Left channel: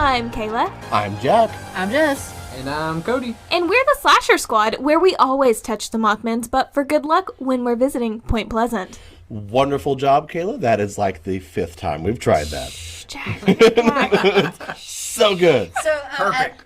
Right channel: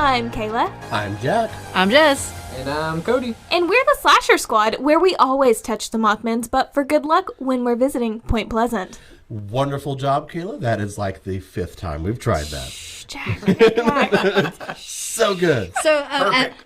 I'm Kayla. I'm Jack. I'm Jess. And I'm Cody. And we're the Slasher Squad, where we always touch the Mothman's butt for good luck when we're visiting Point Pleasant. Wonderful job, Kayla. That is like the 5th time we've tried that. Shh, Jack. So good. So,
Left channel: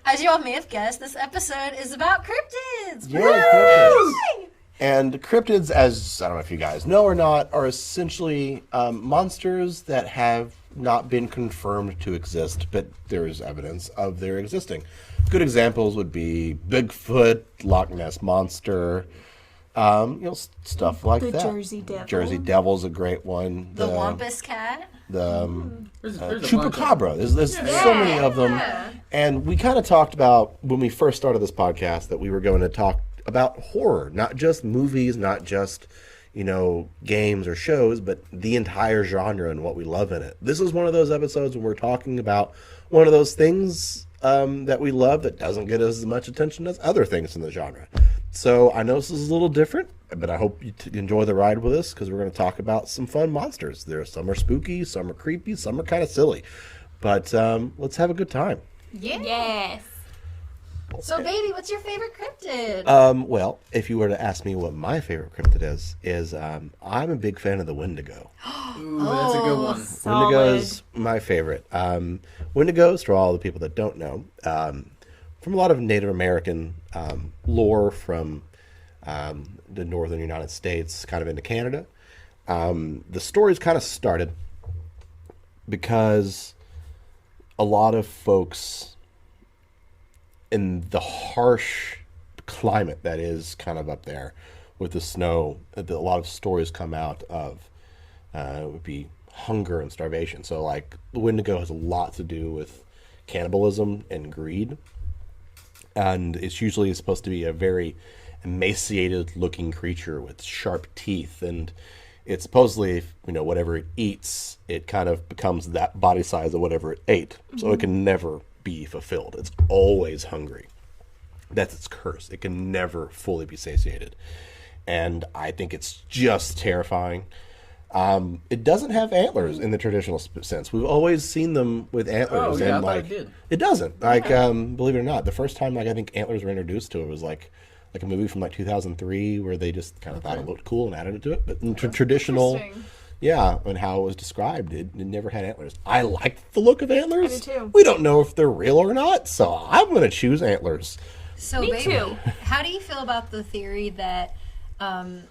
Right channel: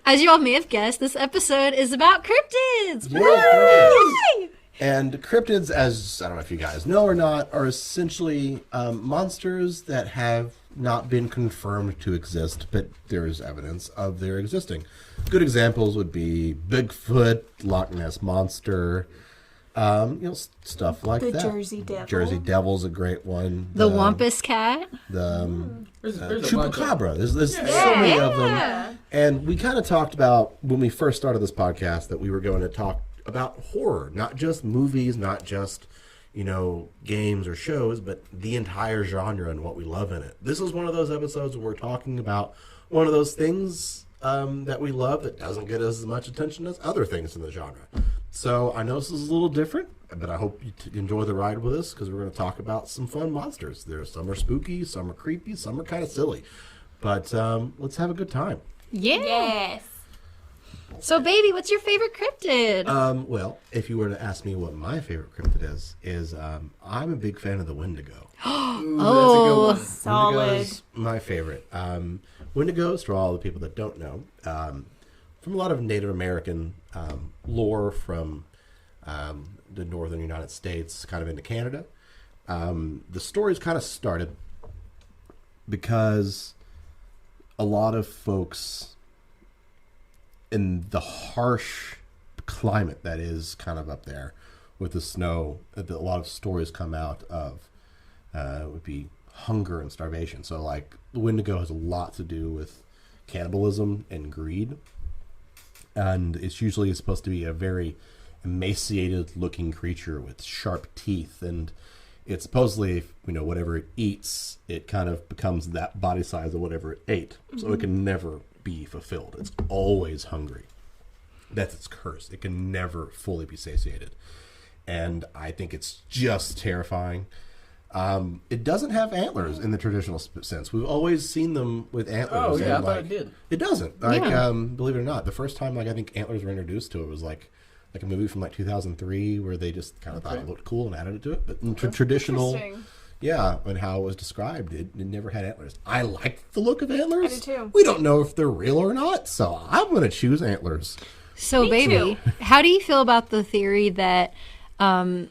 as you all may have guessed, this episode is about cryptids. Woo! And cryptids, as I don't know if you guys know or not, are essentially monsters that have not been confirmed to exist, but there is evidence of their existing. Good examples would be Bigfoot, Loch Ness Monster, stuff like The that. Jersey Devil. Jersey Devil's a great one. The Wampus Cat. There's a bunch of Chupacabra. There's so many of them. And we kind of talked about, when we first started this podcast, that we were going to talk about horror, not just movies, not just, games or shows, but the entire genre and what we love in it. This is one of those episodes when we're talking about one of those things that we love that doesn't get as much attention as other things in the genre. So I know this is a little different, but I hope you enjoy the ride with us, because we're going to talk about some fun monsters. Some are spooky, some are creepy, some are kind of silly. But let's have a good time. Yeah. Yes. So, baby, what's your favorite cryptid? Well, if you were to ask me what my favorite cryptid is I'm a big fan of the Wendigo. Ooh, that's a good one. Solid. Wendigo's my favorite. Wendigos, for all the people that don't know, from a lot of Native American lore from the northern United States, kind of into Canada. The stories kind of started because a lot of folks in the harsh climate that is kind of up there with the snow, a lot of stories come out of would be hunger and starvation. So like the Wendigo has a lot to do with cannibalism and greed, and it's usually supposed to be a very emaciated looking creature with sharp teeth, and it's supposedly, whatever it eats, it kind of becomes that body size of whatever it ate. So it can never be fulfilled. It's always hungry. That's its curse. It can never fully be satiated. And I think it's just terrifying. It doesn't have antlers in the traditional sense. We've always seen them with antlers. Oh, yeah, I and, thought it did. It doesn't. Believe it or not, the first time I think antlers were introduced to it was like a movie from 2003 where they just kind of thought it looked cool and added it to it. But in traditional, and how it was described, it never had antlers. I like the look of antlers. I do too. We don't know if they're real or not, so I'm going to choose antlers. So, Me baby, too. how do you feel about the theory that the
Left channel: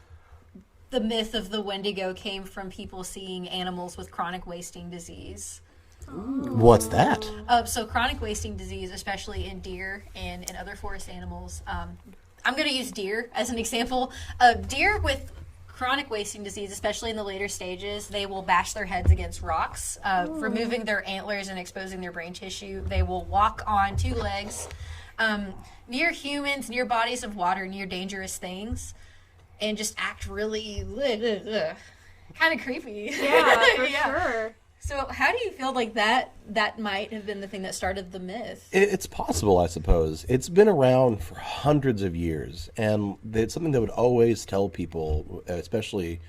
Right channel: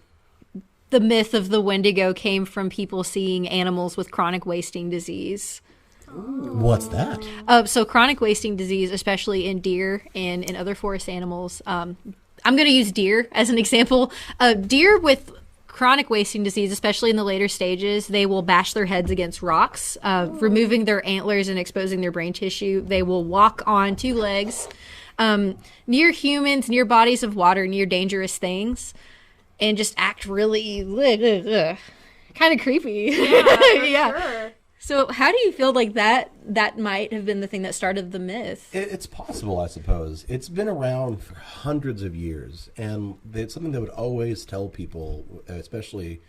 myth of the Wendigo came from people seeing animals with chronic wasting disease? What's that? So chronic wasting disease, especially in deer and in other forest animals. I'm going to use deer as an example. Deer with chronic wasting disease, especially in the later stages, they will bash their heads against rocks, removing their antlers and exposing their brain tissue. They will walk on 2 legs near humans, near bodies of water, near dangerous things, and just act really kind of creepy. Yeah, for sure. So how do you feel like that might have been the thing that started the myth? It's possible, I suppose. It's been around for hundreds of years, and it's something that would always tell people, especially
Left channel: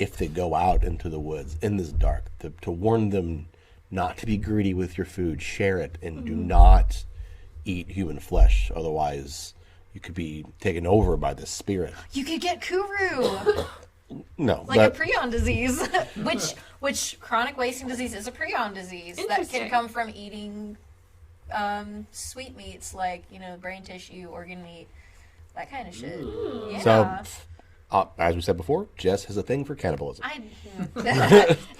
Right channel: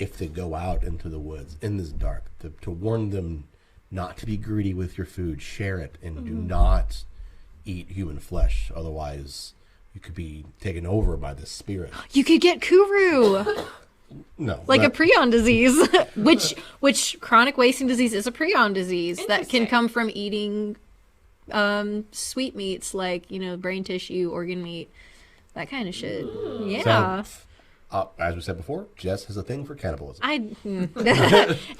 if they go out into the woods in this dark, to warn them not to be greedy with your food, share it, and do not eat human flesh. Otherwise, you could be taken over by this spirit. You could get kuru. No. Like a prion disease, which chronic wasting disease is a prion disease that can Interesting. come from eating sweetmeats like, brain tissue, organ meat, that kind of shit. Yeah. As we said before, Jess has a thing for cannibalism.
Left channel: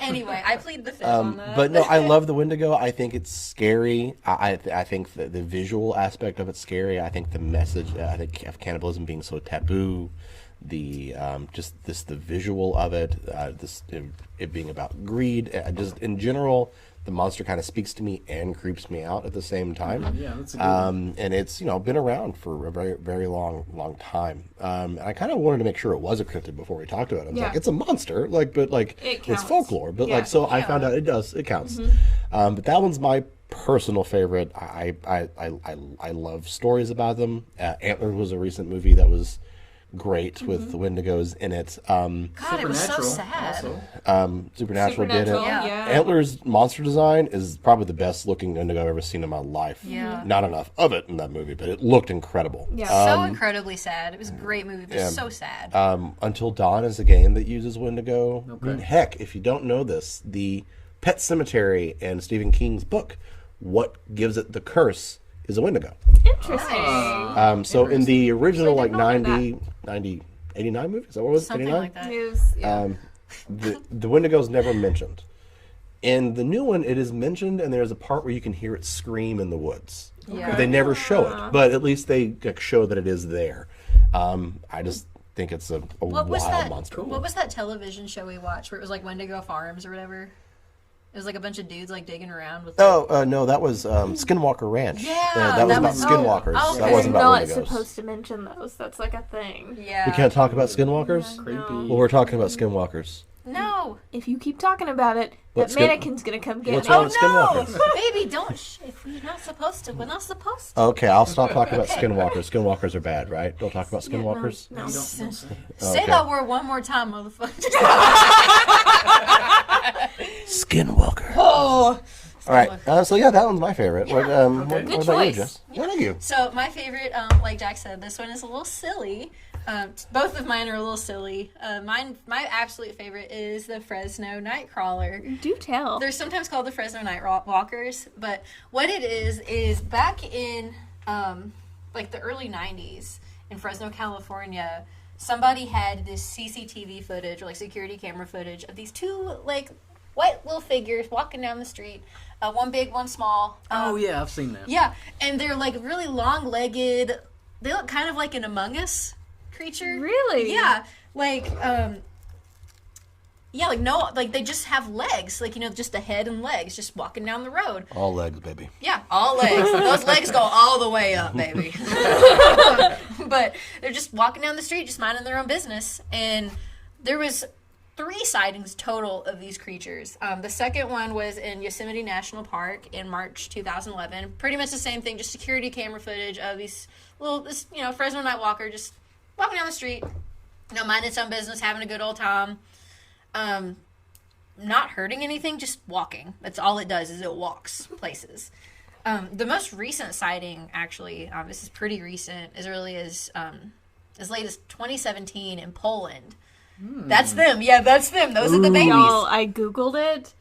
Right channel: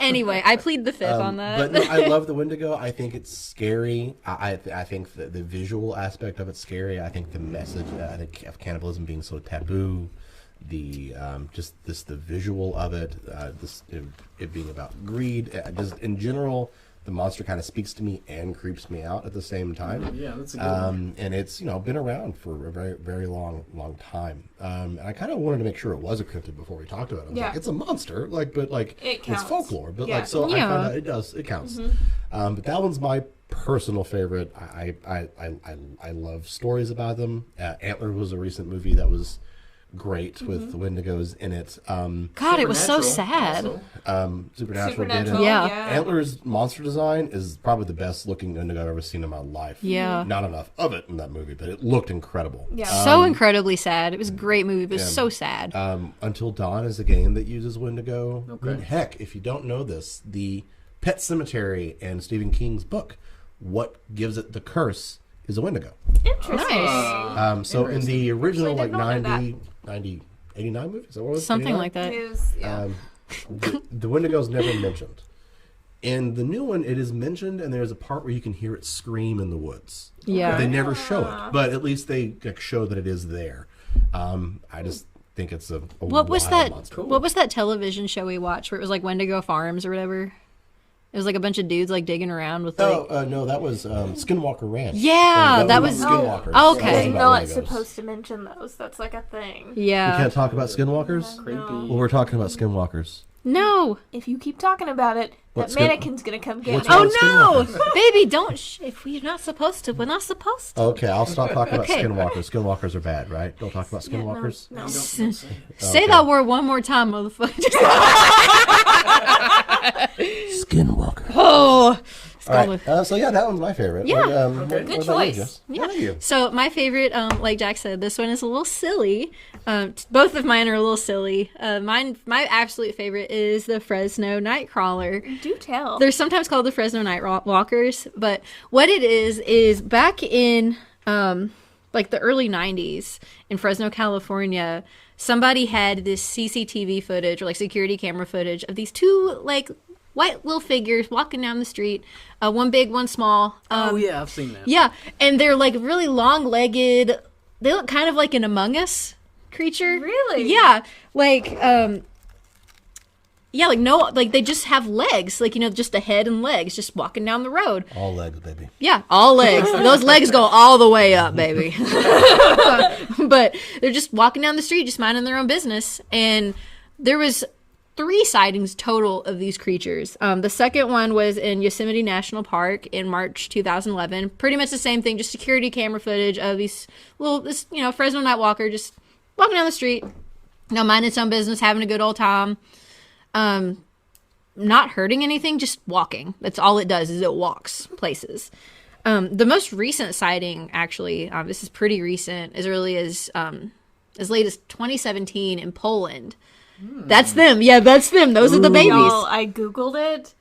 Anyway, I plead the 5th on that. But no, I love the Wendigo. I think it's scary. I think the visual aspect of it's scary. I think the message, of cannibalism being so taboo, the visual of it, it being about greed, just in general, the monster kind of speaks to me and creeps me out at the same time. Yeah, that's a good one. And it's been around for a very, very long time. And I kind of wanted to make sure it was a cryptid before we talked about it. I was like, it's a monster, but it counts. it's folklore. But Yeah. I found out it counts. But that one's my personal favorite. I love stories about them. Antler was a recent movie that was great with the Wendigos in it. God, it was so sad. Also. Supernatural. Yeah. Antler's monster design is probably the best looking Wendigo I've ever seen in my life. Yeah. Not enough of it in that movie, but it looked incredible. Yeah. So incredibly sad. It was a great movie, but it was so sad. Until Dawn is a game that uses Wendigo. Okay. Heck, if you don't know this, the Pet Cemetery in Stephen King's book, what gives it the curse is a Wendigo. Interesting. So in the original Actually, like did not know 90, 89 movie, is that what it was? Something 89? like that. News, yeah. The Wendigo's never mentioned. In the new one, it is mentioned, and there's a part where you can hear it scream in the woods. Yeah. But they never show it, but at least they show that it is there. I just think it's a What was wild that? monster. Cool. What was that television show we watched where it was like Wendigo Farms or whatever? It was like a bunch of dudes like digging around with. Like... Oh, no, that was Skinwalker Ranch. Yeah, that was- Skinwalkers. Oh, That okay. wasn't We're about not Wendigos. supposed to mention those. That's like a thing. We Yeah. can't talk about Skinwalkers? Creepy. Well, we're talking about Skinwalkers. No. If you keep talking about it, Let's that go. mannequin's gonna come get Let's me. go. Oh no, Skinwalkers. baby! Don't. If we're not supposed to, we're not supposed to. Okay, I'll stop talking about Okay. Skinwalkers. Skinwalkers are bad, right? Don't talk about Yeah, no, Skinwalkers. no. Don't say it. Say that word one more time, motherfucker. Skinwalker. Oh. All right, so yeah, that one's my favorite. Yeah. Okay. Good choice. Yeah. Thank you. So my favorite, like Jack said, this one is a little silly. Both of mine are a little silly. My absolute favorite is the Fresno Nightcrawler. Do tell. They're sometimes called the Fresno Nightwalkers, but what it is back in like the early 90s in Fresno, California, somebody had this CCTV footage or like security camera footage of these two like white little figures walking down the street, one big, one small. Oh yeah, I've seen that. Yeah, and they're like really long-legged. They look kind of like an Among Us creature. Really? Yeah, like yeah, like no, like they just have legs, like just a head and legs, just walking down the road. All legs, baby. Yeah, all legs. Those legs go all the way up, baby. But they're just walking down the street, just minding their own business, and there was 3 sightings total of these creatures. The second one was in Yosemite National Park in March 2011. Pretty much the same thing, just security camera footage of this Fresno Nightwalker just walking down the street, minding its own business, having a good old time. Not hurting anything, just walking. That's all it does, is it walks places. The most recent sighting, actually, this is pretty recent, as early as late as 2017 in Poland. That's them. Yeah, that's them. Those are the babies. Y'all, I googled it.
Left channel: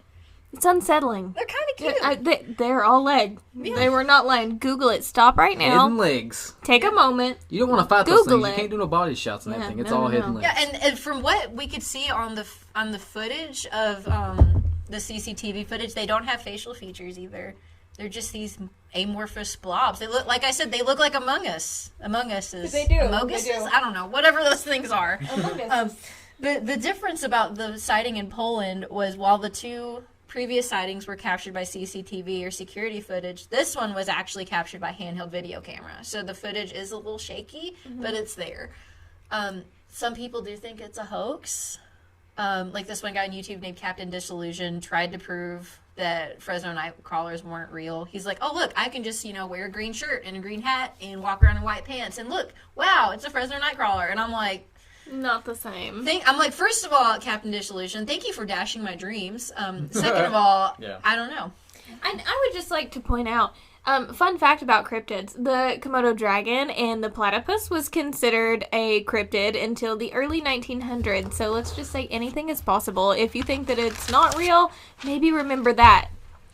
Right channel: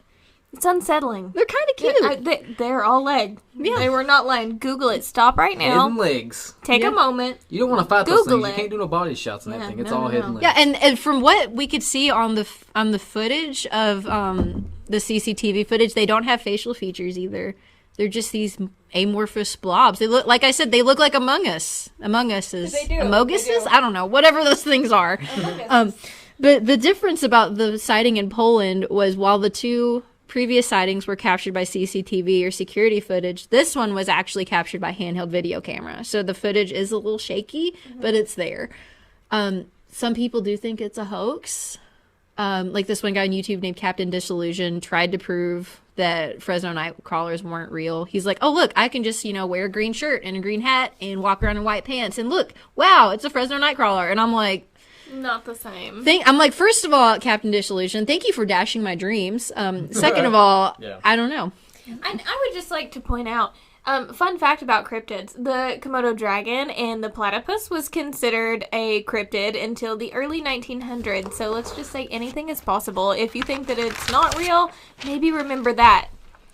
It's unsettling. They're kind of cute. They're all leg. Yeah. They were not lying. Google it. Stop right now. Hidden legs. Take a moment. You don't want to fight those Google things. it. You can't do no body shots and Yeah, everything. It's no, all no, hidden no. legs. Yeah, and from what we could see on the footage of the CCTV footage, they don't have facial features either. They're just these amorphous blobs. They look, like I said, they look like Among Us. Among Us is They do. Amogus They do. is? I don't know. Whatever those things are. The difference about the sighting in Poland was while the 2 previous sightings were captured by CCTV or security footage, this one was actually captured by handheld video camera. So the footage is a little shaky, but it's there. Some people do think it's a hoax. Like this one guy on YouTube named Captain Disillusion tried to prove that Fresno Nightcrawlers weren't real. He's like, oh, look, I can just, wear a green shirt and a green hat and walk around in white pants. And look, wow, it's a Fresno Nightcrawler. And I'm like, Not the same. first of all, Captain Disillusion, thank you for dashing my dreams. Second of all, Yeah. I don't know. I would just like to point out, fun fact about cryptids, the Komodo dragon and the platypus was considered a cryptid until the early 1900s. So let's just say anything is possible. If you think that it's not real, maybe remember that.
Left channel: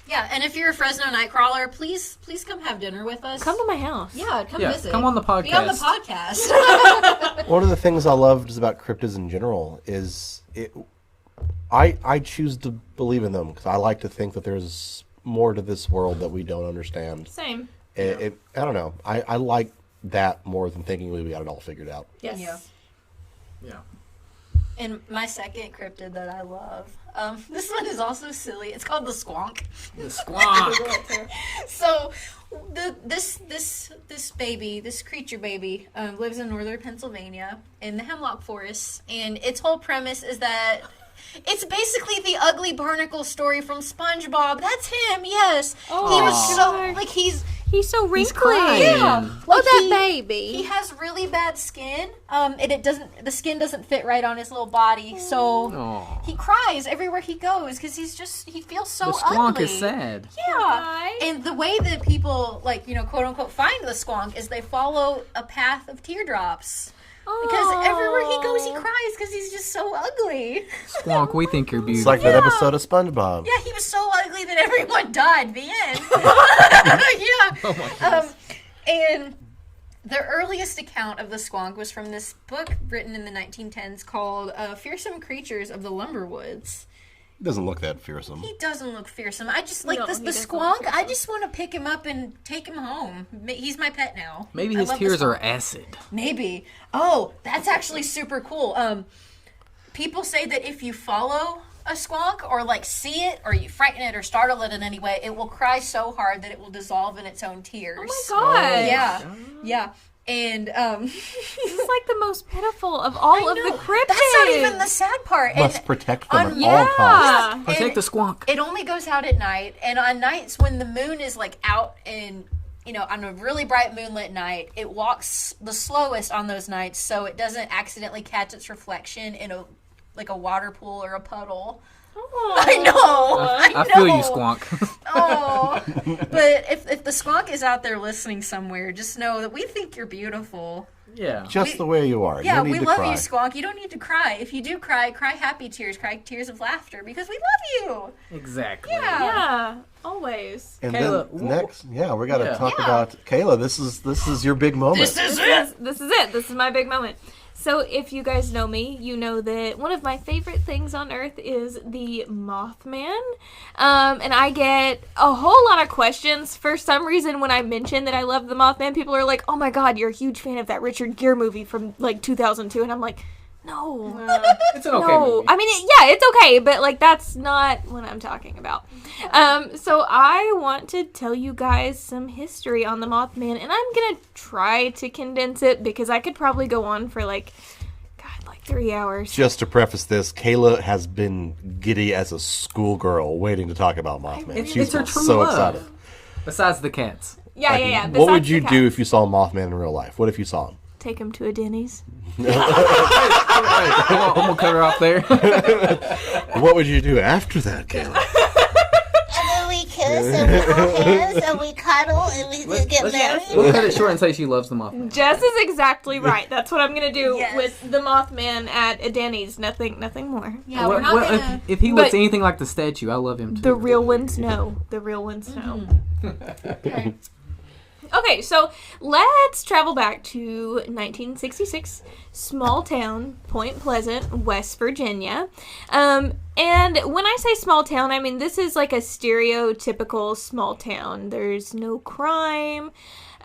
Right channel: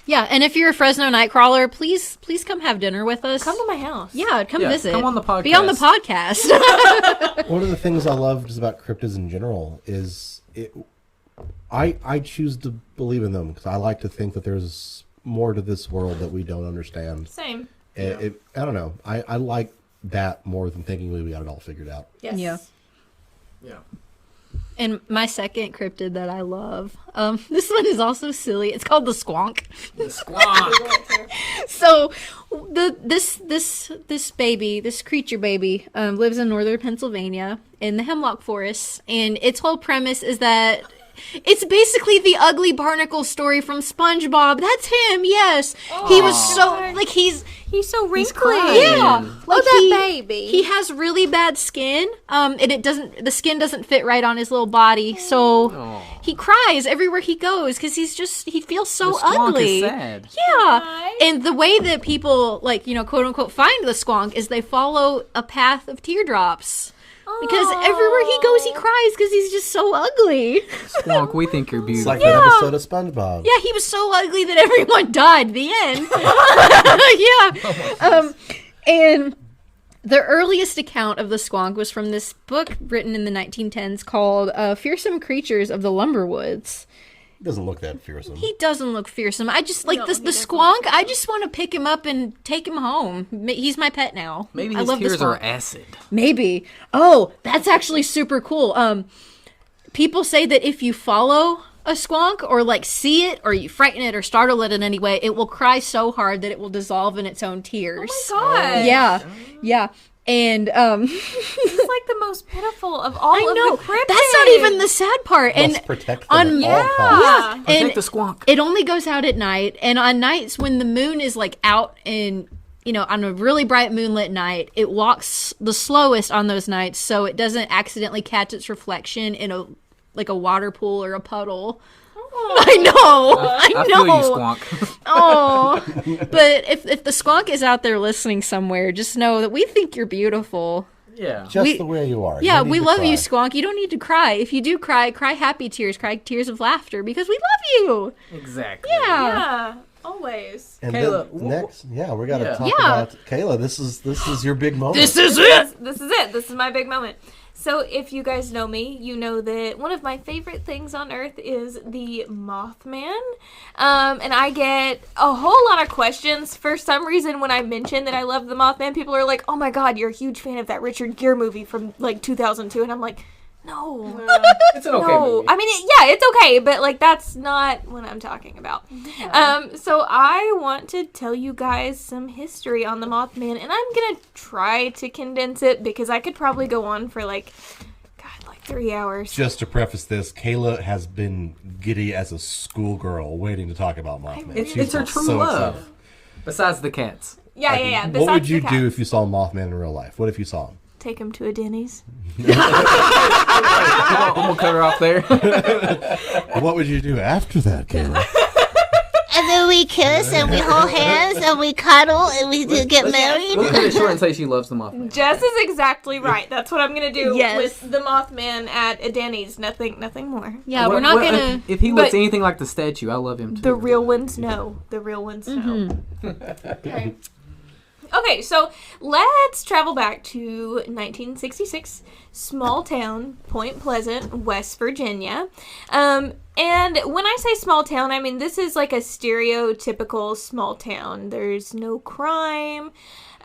Yeah, and if you're a Fresno Nightcrawler, please come have dinner with us. Come to my house. Yeah, come Yeah, visit. come on the podcast. Be on the podcast. One of the things I love just about cryptids in general is I choose to believe in them because I like to think that there's more to this world that we don't understand. Same. I don't know. I like that more than thinking we got it all figured out. Yes. Yeah. Yeah. And my second cryptid that I love, this one is also silly. It's called the Squonk. The squawk. So, this baby, this creature baby, lives in northern Pennsylvania in the hemlock forests, and its whole premise is that It's basically the ugly barnacle story from SpongeBob. That's him. Yes, Oh, he was so God. like he's wrinkly. crying. yeah. Oh, that he- baby. He has really bad skin. And the skin doesn't fit right on his little body, so Aw. he cries everywhere he goes because he feels so The squonk ugly. is sad. Yeah, Right. and the way that people quote unquote find the squonk is they follow a path of teardrops. Because everywhere he goes, he cries because he's just so ugly. Squonk, we think you're It's beautiful. like that episode of SpongeBob. Yeah, he was so ugly that everyone died. The end. Yeah. And the earliest account of the squonk was from this book written in the 1910s called Fearsome Creatures of the Lumberwoods. It doesn't look that fearsome. He doesn't look fearsome. I just like No, the he doesn't squonk. look I just want to pick him up and take him home. He's my pet now. Maybe I his love the tears are squonk. acid. Maybe. Oh, that's actually super cool. People say that if you follow a squonk or like see it or you frighten it or startle it in any way, it will cry so hard that it will dissolve in its own tears. Oh my God. Yeah. Yeah. And This is like the most pitiful of all I of know the cryptids. that's not even the sad part. Must And protect them on- at all costs. Yeah. Protect the squonk. it only goes out at night, and on nights when the moon is like out and on a really bright moonlit night, it walks the slowest on those nights so it doesn't accidentally catch its reflection in a water pool or a puddle. I know. I know. I feel you, squonk. Oh, but if the squonk is out there listening somewhere, just know that we think you're beautiful. Yeah. Just the way you are. Yeah, You don't we need to love you, cry. squonk. You don't need to cry. If you do cry, cry happy tears, cry tears of laughter because we love you. Exactly. Yeah. Yeah, always. And Kayla, then next, we got to Yeah. talk Yeah. about Kayla. This is your big moment. is This is it. This is my big moment. So if you guys know me, you know that one of my favorite things on earth is the Mothman. And I get a whole lot of questions. For some reason, when I mention that I love the Mothman, people are like, oh my God, you're a huge fan of that Richard Gere movie from like 2002. And I'm like, no. It's an okay No, movie. I mean, it's okay, but like that's not what I'm talking about. So I want to tell you guys some history on the Mothman, and I'm gonna try to condense it because I could probably go on for like 3 hours. Just to preface this, Kayla has been giddy as a schoolgirl waiting to talk about Mothman. really She's It's her true so love. excited. Besides the cats. Yeah. What Besides would you the do cat. if you saw Mothman in real life? What if you saw him? Take him to a Denny's. I'm gonna cut her off there. What would you do after that, Kayla? And then we kiss and we hold hands and we cuddle and we get married. We'll cut it short and say she loves the Mothman. Jess is exactly right. That's what I'm gonna do Yes. with the Mothman at a Denny's. Nothing more. Yeah, we're not gonna. If he looks But- anything like the statue, I love him too. The real ones know. The real ones know. Okay. Okay, so let's travel back to 1966, small town, Point Pleasant, West Virginia. And when I say small town, I mean this is like a stereotypical small town. There's no crime.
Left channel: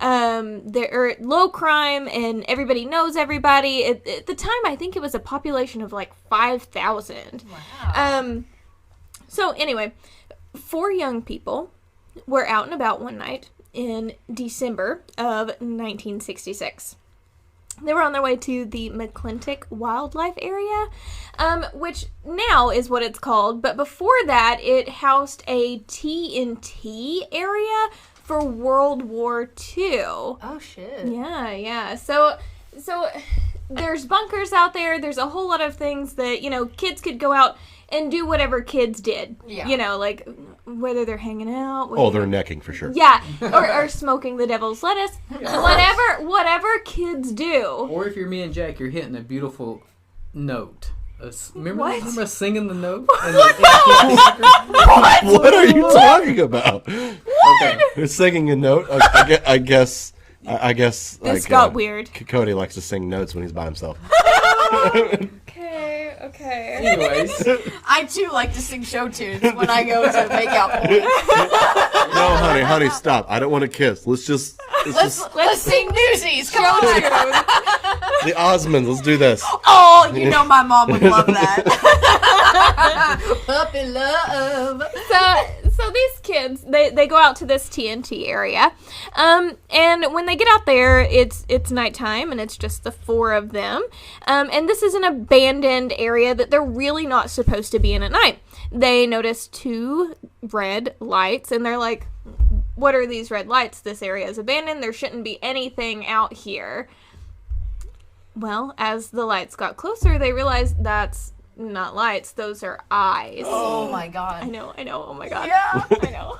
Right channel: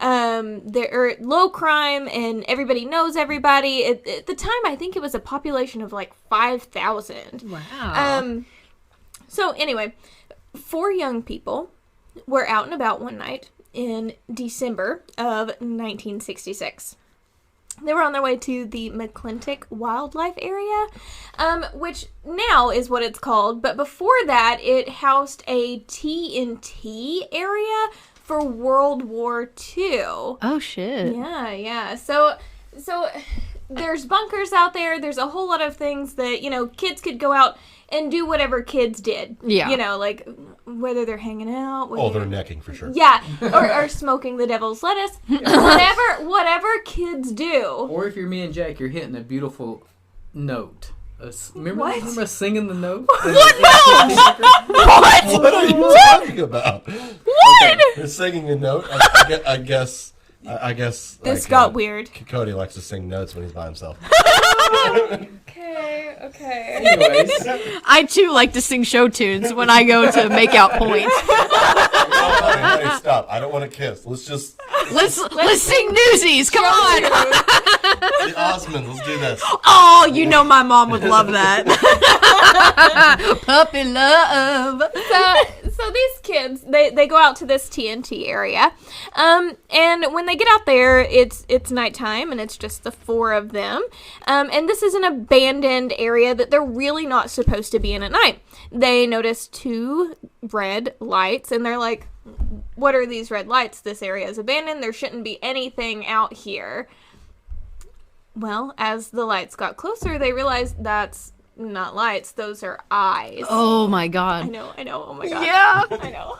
There are low crime, and everybody knows everybody. At the time, I think it was a population of like 5,000. Wow. So anyway, 4 young people were out and about one night in December of 1966. They were on their way to the McClintock Wildlife Area, which now is what it's called, but before that it housed a TNT area for World War II. Oh shit. Yeah. So there's bunkers out there. There's a whole lot of things that, kids could go out and do whatever kids did. Yeah. Like whether they're hanging out. Oh, whether they're necking for sure. Yeah, or smoking the devil's lettuce. Whatever kids do. Or if you're me and Jack, you're hitting a beautiful note. Remember us singing the note? What are you talking about? Okay. You're singing a note. I guess. This got weird. Cody likes to sing notes when he's by himself. Okay. Anyways, I too like to sing show tunes when I go to make out points. No, honey, stop. I don't want to kiss. Let's Let's sing Newsies. Come on. the Osmonds. Let's do this. Oh, my mom would love that. Puppy love. So So these kids, they go out to this TNT area, and when they get out there, it's nighttime, and it's just the 4 of them, and this is an abandoned area that they're really not supposed to be in at night. They notice 2 red lights, and they're like, what are these red lights? This area is abandoned. There shouldn't be anything out here. Well, as the lights got closer, they realized that's not lights. Those are eyes. Oh my god. I know. Oh my god. Yeah. I know.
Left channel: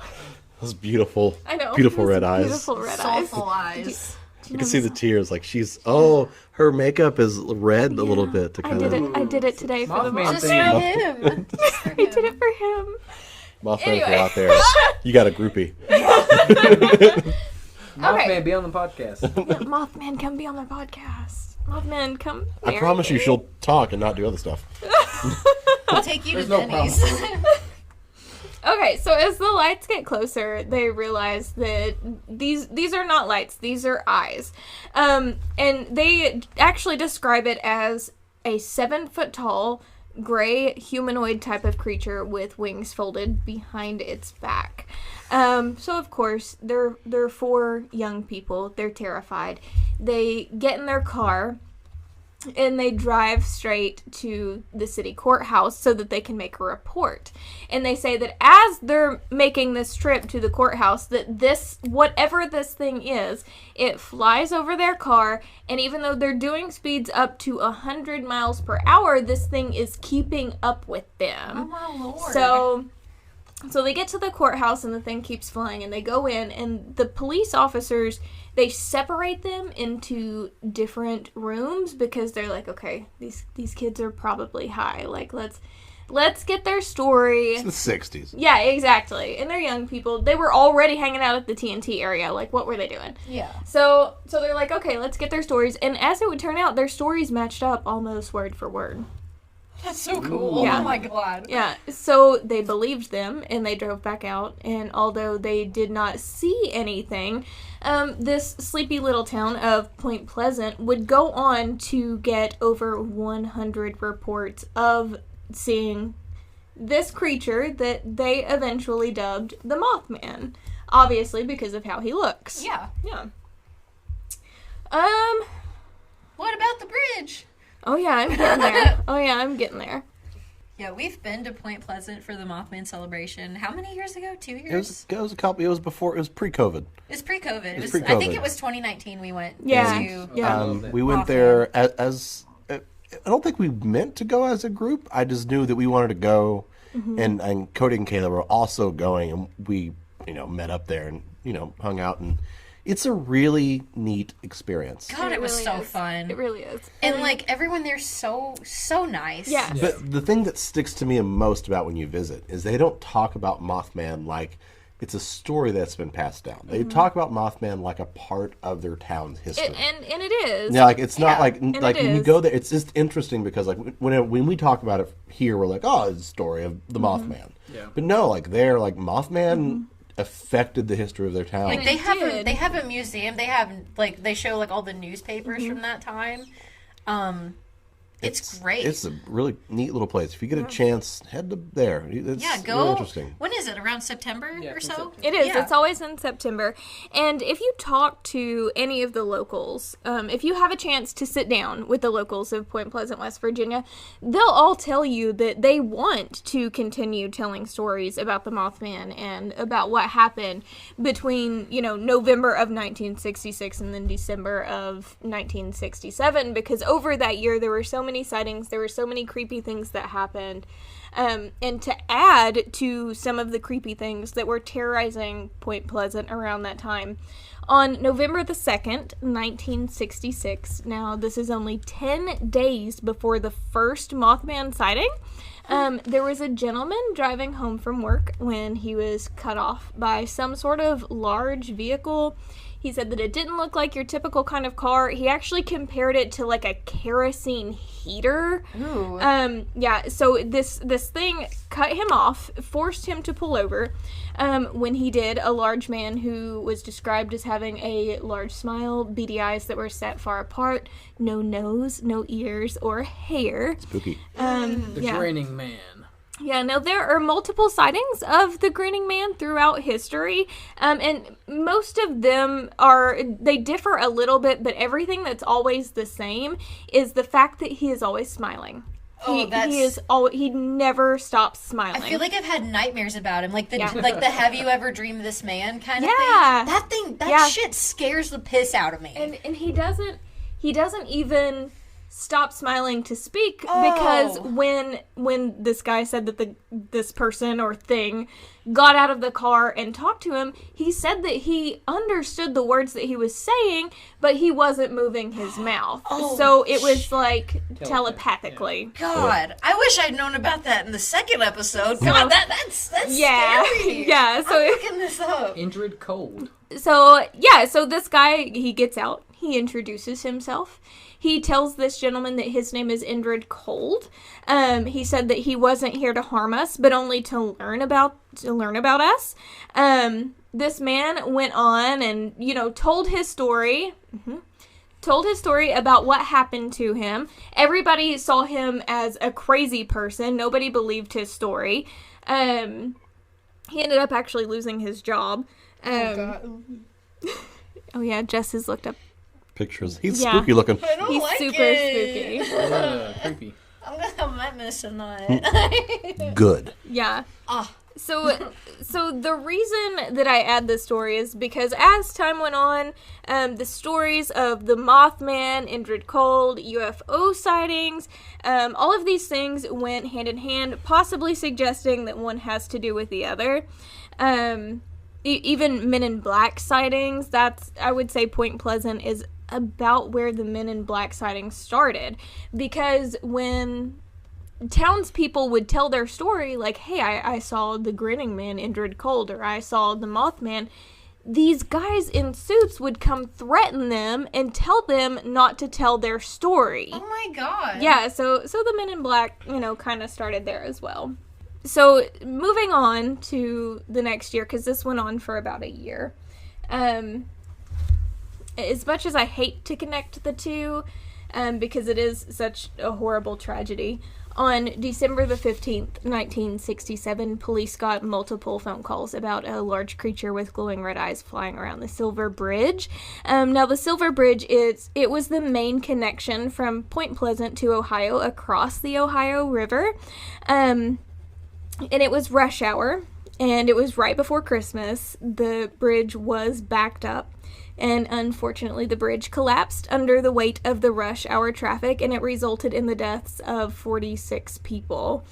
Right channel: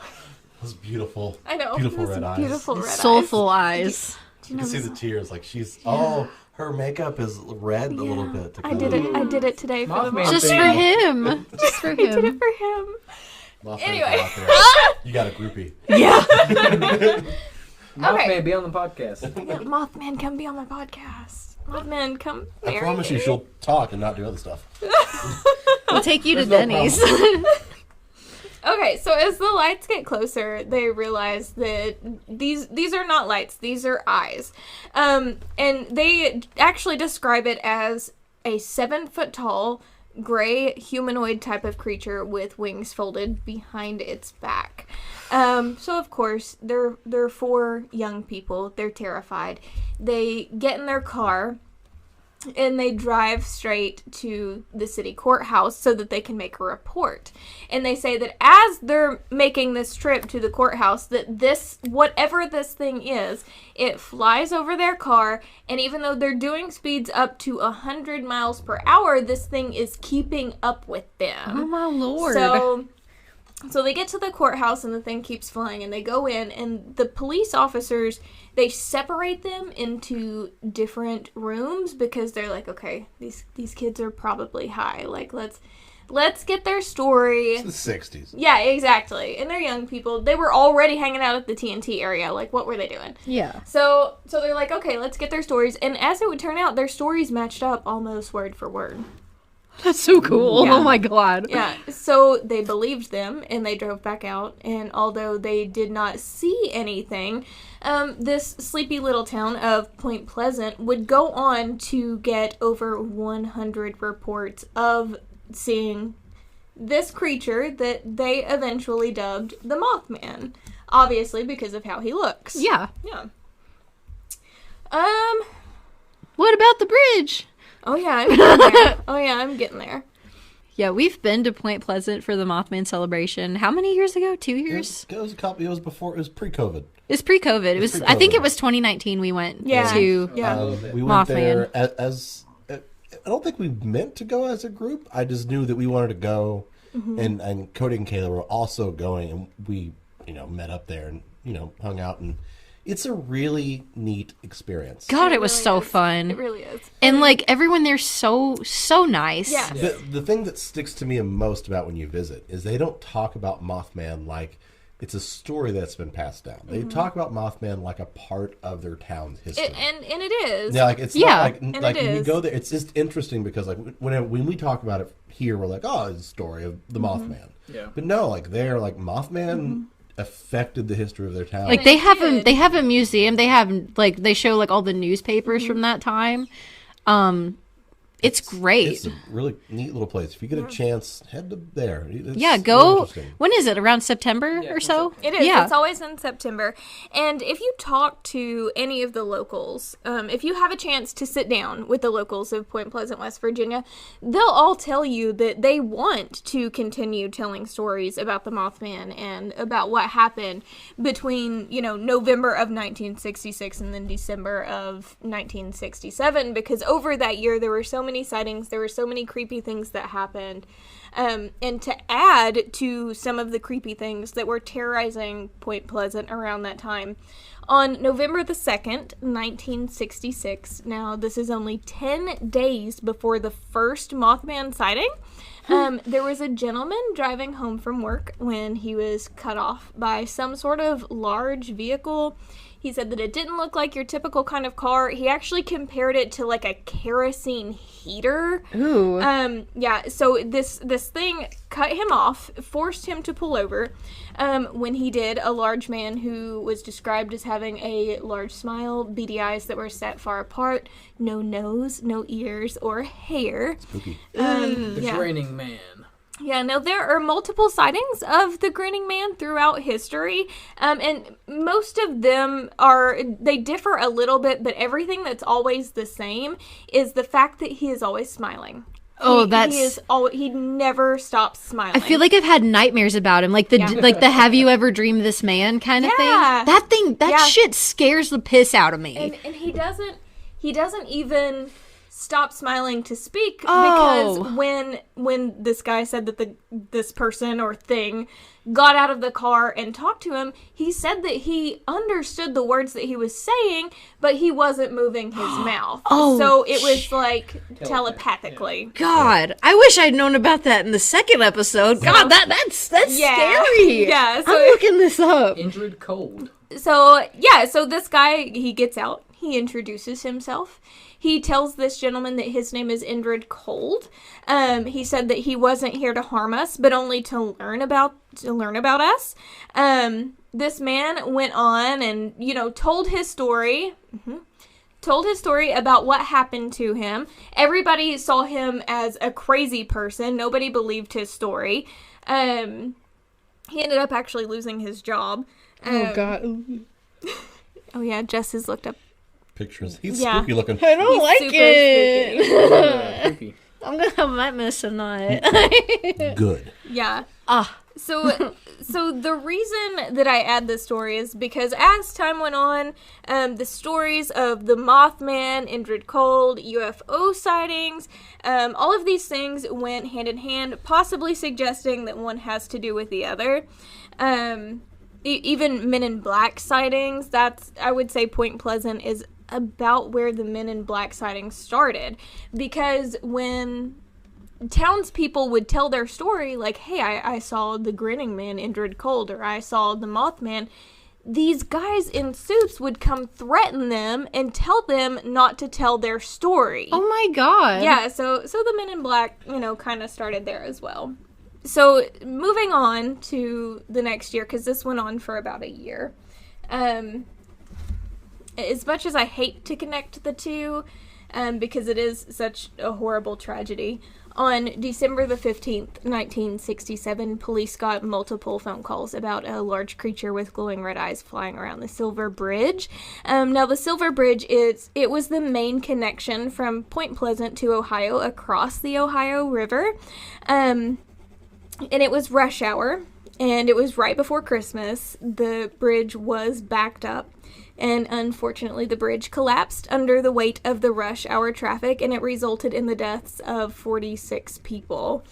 Those beautiful, I know. beautiful Those red eyes. Beautiful red Soulful eyes. eyes. You can see the tears. Like she's, her makeup is red a little bit. To I kind did it. I did it today for the Mothman Mothman. Just for thing. him. Just for I did him. it for him. Mothman Anyway. out there. You got a groupie. Mothman, be on the podcast. Yeah, Mothman, come be on my podcast. Mothman, come. I promise you, she'll talk and not do other stuff. I'll take you to There's no Denny's. Okay, so as the lights get closer, they realize that these are not lights; these are eyes, and they actually describe it as a 7-foot-tall, gray humanoid type of creature with wings folded behind its back. So of course they're 4 young people. They're terrified. They get in their car and they drive straight to the city courthouse so that they can make a report. And they say that as they're making this trip to the courthouse, that this, whatever this thing is, it flies over their car, and even though they're doing speeds up to 100 miles per hour, this thing is keeping up with them. Oh my lord. So they get to the courthouse and the thing keeps flying, and they go in, and the police officers, they separate them into different rooms because they're like, okay, these kids are probably high. Like, let's get their story. It's the 60s. Yeah, exactly. And they're young people. They were already hanging out at the TNT area. Like, what were they doing? Yeah. So they're like, okay, let's get their stories. And as it would turn out, their stories matched up almost word for word. That's so cool. Yeah. Oh my god. Yeah, so they believed them, and they drove back out, and although they did not see anything, this sleepy little town of Point Pleasant would go on to get over 100 reports of seeing this creature that they eventually dubbed the Mothman, obviously because of how he looks. Yeah. Yeah. What about the bridge? Oh yeah, I'm getting there. Yeah, we've been to Point Pleasant for the Mothman celebration. How many years ago? 2 years? It was a couple. It was before. It was pre-COVID. It's pre-COVID. It was. pre-COVID. I think it was 2019. We went. Yeah. To. Yeah. We went Mothman. there as I don't think we meant to go as a group. I just knew that we wanted to go, and Cody and Kayla were also going, and we met up there and hung out, and it's a really neat experience. God, it was really so is. fun. It really is. And like everyone there's so nice. Yeah. But the thing that sticks to me most about when you visit is they don't talk about Mothman like it's a story that's been passed down. They talk about Mothman like a part of their town's history. And it is. Yeah, like it's Yeah, not like and when it you is. go there. It's just interesting because like when we talk about it here, we're like, oh, it's a story of the Mothman. Yeah. But no, like they're like Mothman affected the history of their town. Like They did. they have a museum. They have like they show like all the newspapers from that time. It's great. It's a really neat little place. If you get a chance, head to there. It's Yeah, really go. interesting. When is it? Around September Yeah, or it's so? It is. Yeah. It's always in September. And if you talk to any of the locals, if you have a chance to sit down with the locals of Point Pleasant, West Virginia, they'll all tell you that they want to continue telling stories about the Mothman and about what happened between, November of 1966 and then December of 1967, because over that year there were so many sightings, there were so many creepy things that happened. And to add to some of the creepy things that were terrorizing Point Pleasant around that time, on November the 2nd, 1966, now this is only 10 days before the first Mothman sighting, there was a gentleman driving home from work when he was cut off by some sort of large vehicle. He said that it didn't look like your typical kind of car. He actually compared it to like a kerosene heater. Ooh. Yeah, so this thing cut him off, forced him to pull over. When he did, a large man who was described as having a large smile, beady eyes that were set far apart, no nose, no ears, or hair. Spooky. The Yeah. Grinning Man. Yeah, no, there are multiple sightings of the grinning man throughout history, and most of them they differ a little bit, but everything that's always the same is the fact that he is always smiling. Oh, he never stops smiling. I feel like I've had nightmares about him, like the "Have you ever dreamed this man" kind of thing. That shit scares the piss out of me. And he doesn't even stop smiling to speak because when this guy said that this person or thing got out of the car and talked to him, he said that he understood the words that he was saying, but he wasn't moving his mouth. So it was like telepathically. God, I wish I'd known about that in the second episode. God, that's scary. Yeah, so I'm looking this up. Indrid Cold. So this guy, he gets out. He introduces himself. He tells this gentleman that his name is Indrid Cold. He said that he wasn't here to harm us, but only to learn about us. This man went on and, told his story. Told his story about what happened to him. Everybody saw him as a crazy person. Nobody believed his story. He ended up actually losing his job. Oh, God. Oh, yeah, Jess has looked up pictures. He's spooky looking. I don't like super it. spooky. Creepy. I'm gonna have nightmares tonight. Good. Yeah. So the reason that I add this story is because as time went on, the stories of the Mothman, Indrid Cold, UFO sightings, all of these things went hand in hand, possibly suggesting that one has to do with the other. Even Men in Black sightings, I would say Point Pleasant is about where the Men in Black sightings started. Because when townspeople would tell their story, like, hey, I saw the grinning man, Indrid Cold, or I saw the Mothman, these guys in suits would come threaten them and tell them not to tell their story. Oh my God. Yeah, so the Men in Black, kind of started there as well. So moving on to the next year, because this went on for about a year. As much as I hate to connect the two, because it is such a horrible tragedy, on December the 15th, 1967, police got multiple phone calls about a large creature with glowing red eyes flying around the Silver Bridge. Now, the Silver Bridge, it was the main connection from Point Pleasant to Ohio across the Ohio River. And it was rush hour, and it was right before Christmas. The bridge was backed up, and unfortunately the bridge collapsed under the weight of the rush hour traffic, and it resulted in the deaths of 46 people.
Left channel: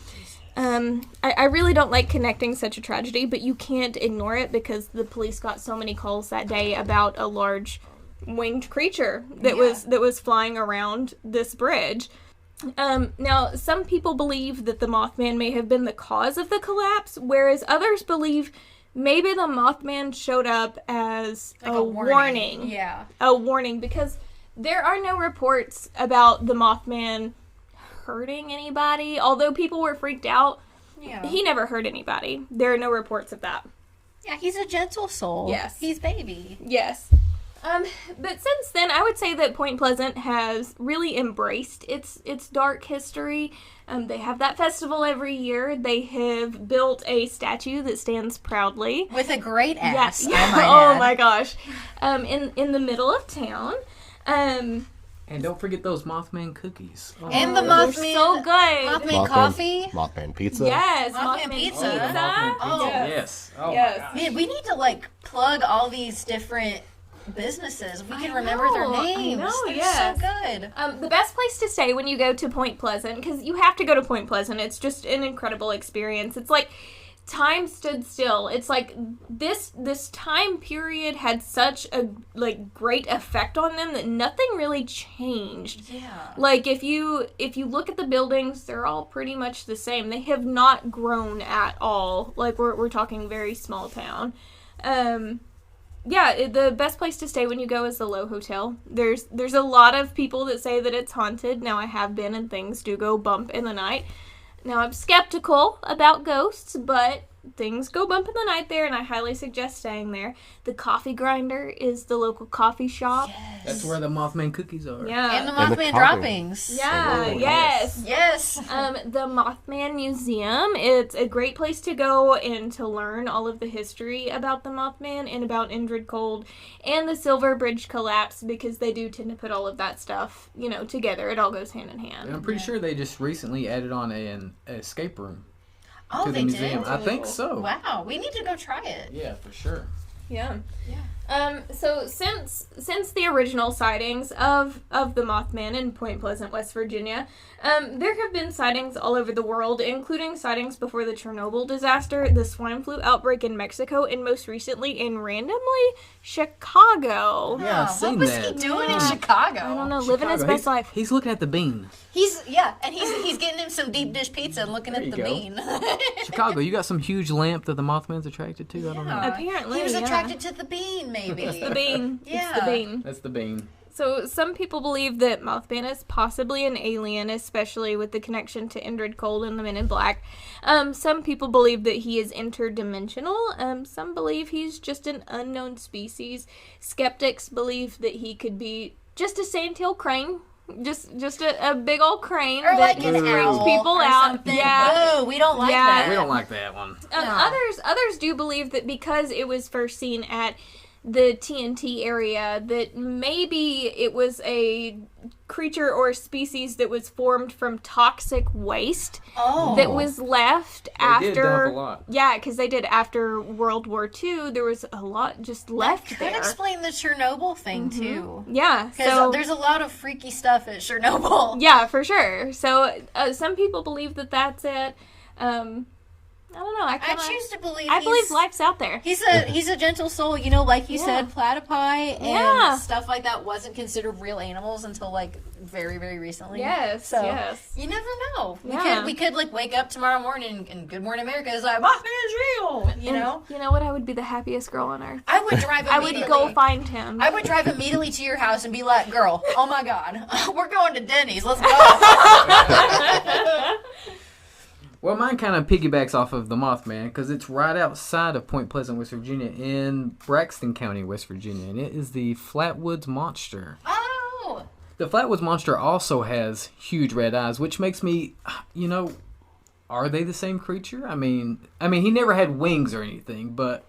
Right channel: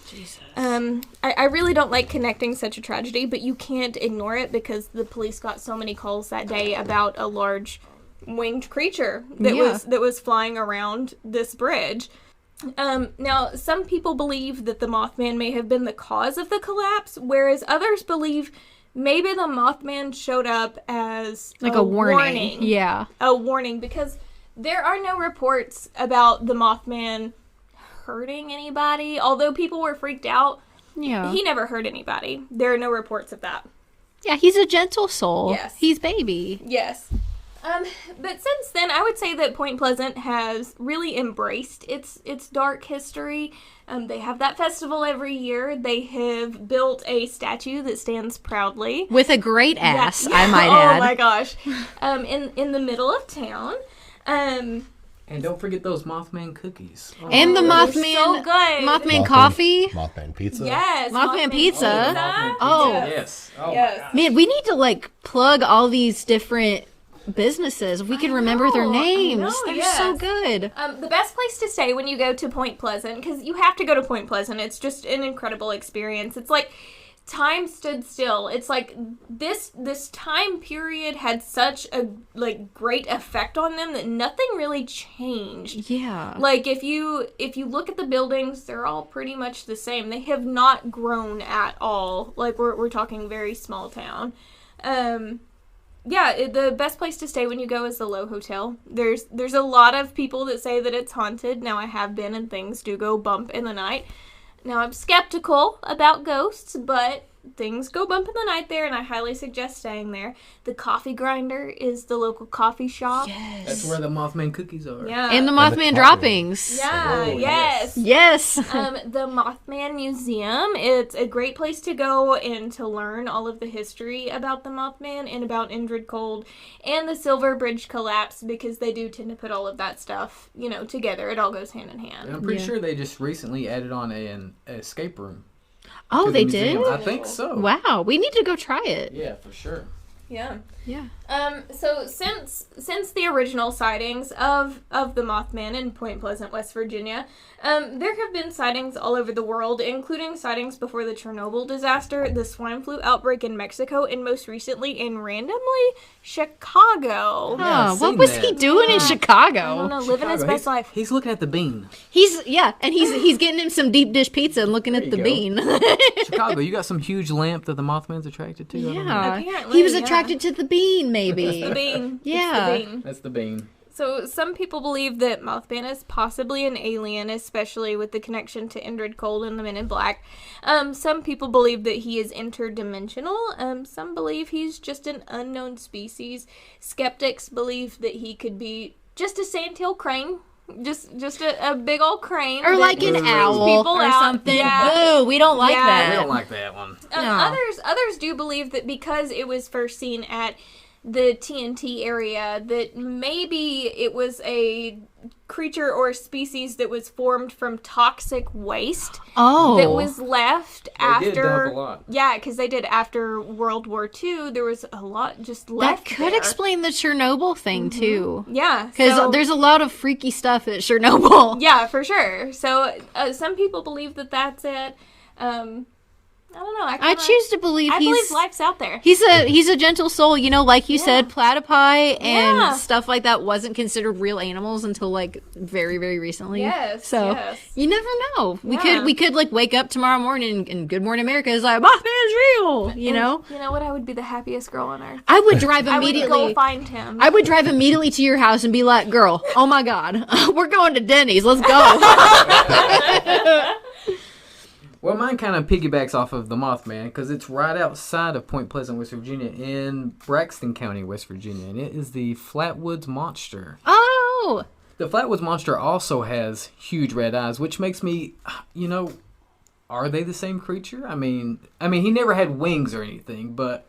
I really don't like connecting such a tragedy, but you can't ignore it because the police got so many calls that day about a large winged creature that was flying around this bridge. Now, some people believe that the Mothman may have been the cause of the collapse, whereas others believe maybe the Mothman showed up as like a warning. Yeah. A warning, because there are no reports about the Mothman hurting anybody. Although people were freaked out, he never hurt anybody. There are no reports of that. Yeah, he's a gentle soul. Yes. He's baby. Yes. But since then, I would say that Point Pleasant has really embraced its dark history. They have that festival every year. They have built a statue that stands proudly. With a great ass, Yeah. I might Oh add. my gosh. In the middle of town. And don't forget those Mothman cookies. Oh, And the They're Mothman, so good. Mothman coffee. Mothman pizza. Yes. Mothman pizza. Mothman Oh. pizza. Yes. Oh Yes. my gosh. Man, we need to plug all these different businesses. We can remember their names. They're so good. The best place to stay when you go to Point Pleasant, because you have to go to Point Pleasant. It's just an incredible experience. It's like time stood still. It's like this time period had such a great effect on them that nothing really changed. Yeah. Like if you look at the buildings, they're all pretty much the same. They have not grown at all. Like we're talking very small town. Yeah, the best place to stay when you go is the Low Hotel. There's a lot of people that say that it's haunted. Now, I have been, and things do go bump in the night. Now, I'm skeptical about ghosts, but things go bump in the night there, and I highly suggest staying there. The Coffee Grinder is the local coffee shop. Yes. That's where the Mothman cookies are. Yeah. And the Mothman droppings. Yeah, Oh, yes. Yes. The Mothman Museum, it's a great place to go and to learn all of the history about the Mothman and about Indrid Cold and the Silver Bridge collapse, because they do tend to put all of that stuff, together. It all goes hand in hand. And I'm pretty sure they just recently added on an escape room. Oh, to the they museum. did? I think so. Wow. We need to go try it. Yeah, for sure. Yeah. Yeah. So since the original sightings of the Mothman in Point Pleasant, West Virginia, there have been sightings all over the world, including sightings before the Chernobyl disaster, the swine flu outbreak in Mexico, and most recently in randomly Chicago. Yeah, I've what seen was that. he doing in Chicago? I don't know, living his Chicago. best life. He's looking at the bean. He's getting him some deep dish pizza and looking There at you the go. bean. Chicago, you got some huge lamp that the Mothman's attracted to? I don't know. Apparently, he was yeah. attracted to the bean, maybe. It's the bean. Yeah. It's the bean. That's the bean. So some people believe that Mothman is possibly an alien, especially with the connection to Indrid Cold and the Men in Black. Some people believe that he is interdimensional. Some believe he's just an unknown species. Skeptics believe that he could be just a sandtail crane. Just a big old crane. Or that like an freaks owl people or out. something. Yeah. Boo, we don't like Yeah. that. We don't like that one. No. Others do believe that because it was first seen at the TNT area, that maybe it was a creature or species that was formed from toxic waste Oh. that was left They did after. dump a lot. Yeah, because they did after World War II. There was a lot just That left could there. explain the Chernobyl thing, too. Yeah, Because so there's a lot of freaky stuff at Chernobyl. yeah, for sure. So some people believe that that's it. I don't know. I choose to believe I he's... believe life's out there. He's a gentle soul, like you said, platypi and Yeah. stuff like that wasn't considered real animals until like very, very recently. Yes, so yes. you never know. Yeah. We could like wake up tomorrow morning and Good Morning America is like Mothman's real. You know, You know what? I would be the happiest girl on earth. I would drive I immediately. would go find him. I would drive immediately to your house and be like, "Girl, oh my God, we're going to Denny's. Let's go." Well, mine kind of piggybacks off of the Mothman because it's right outside of Point Pleasant, West Virginia, in Braxton County, West Virginia, and it is the Flatwoods Monster. Oh, The Flatwoods Monster also has huge red eyes, which makes me, are they the same creature? I mean, he never had wings or anything, but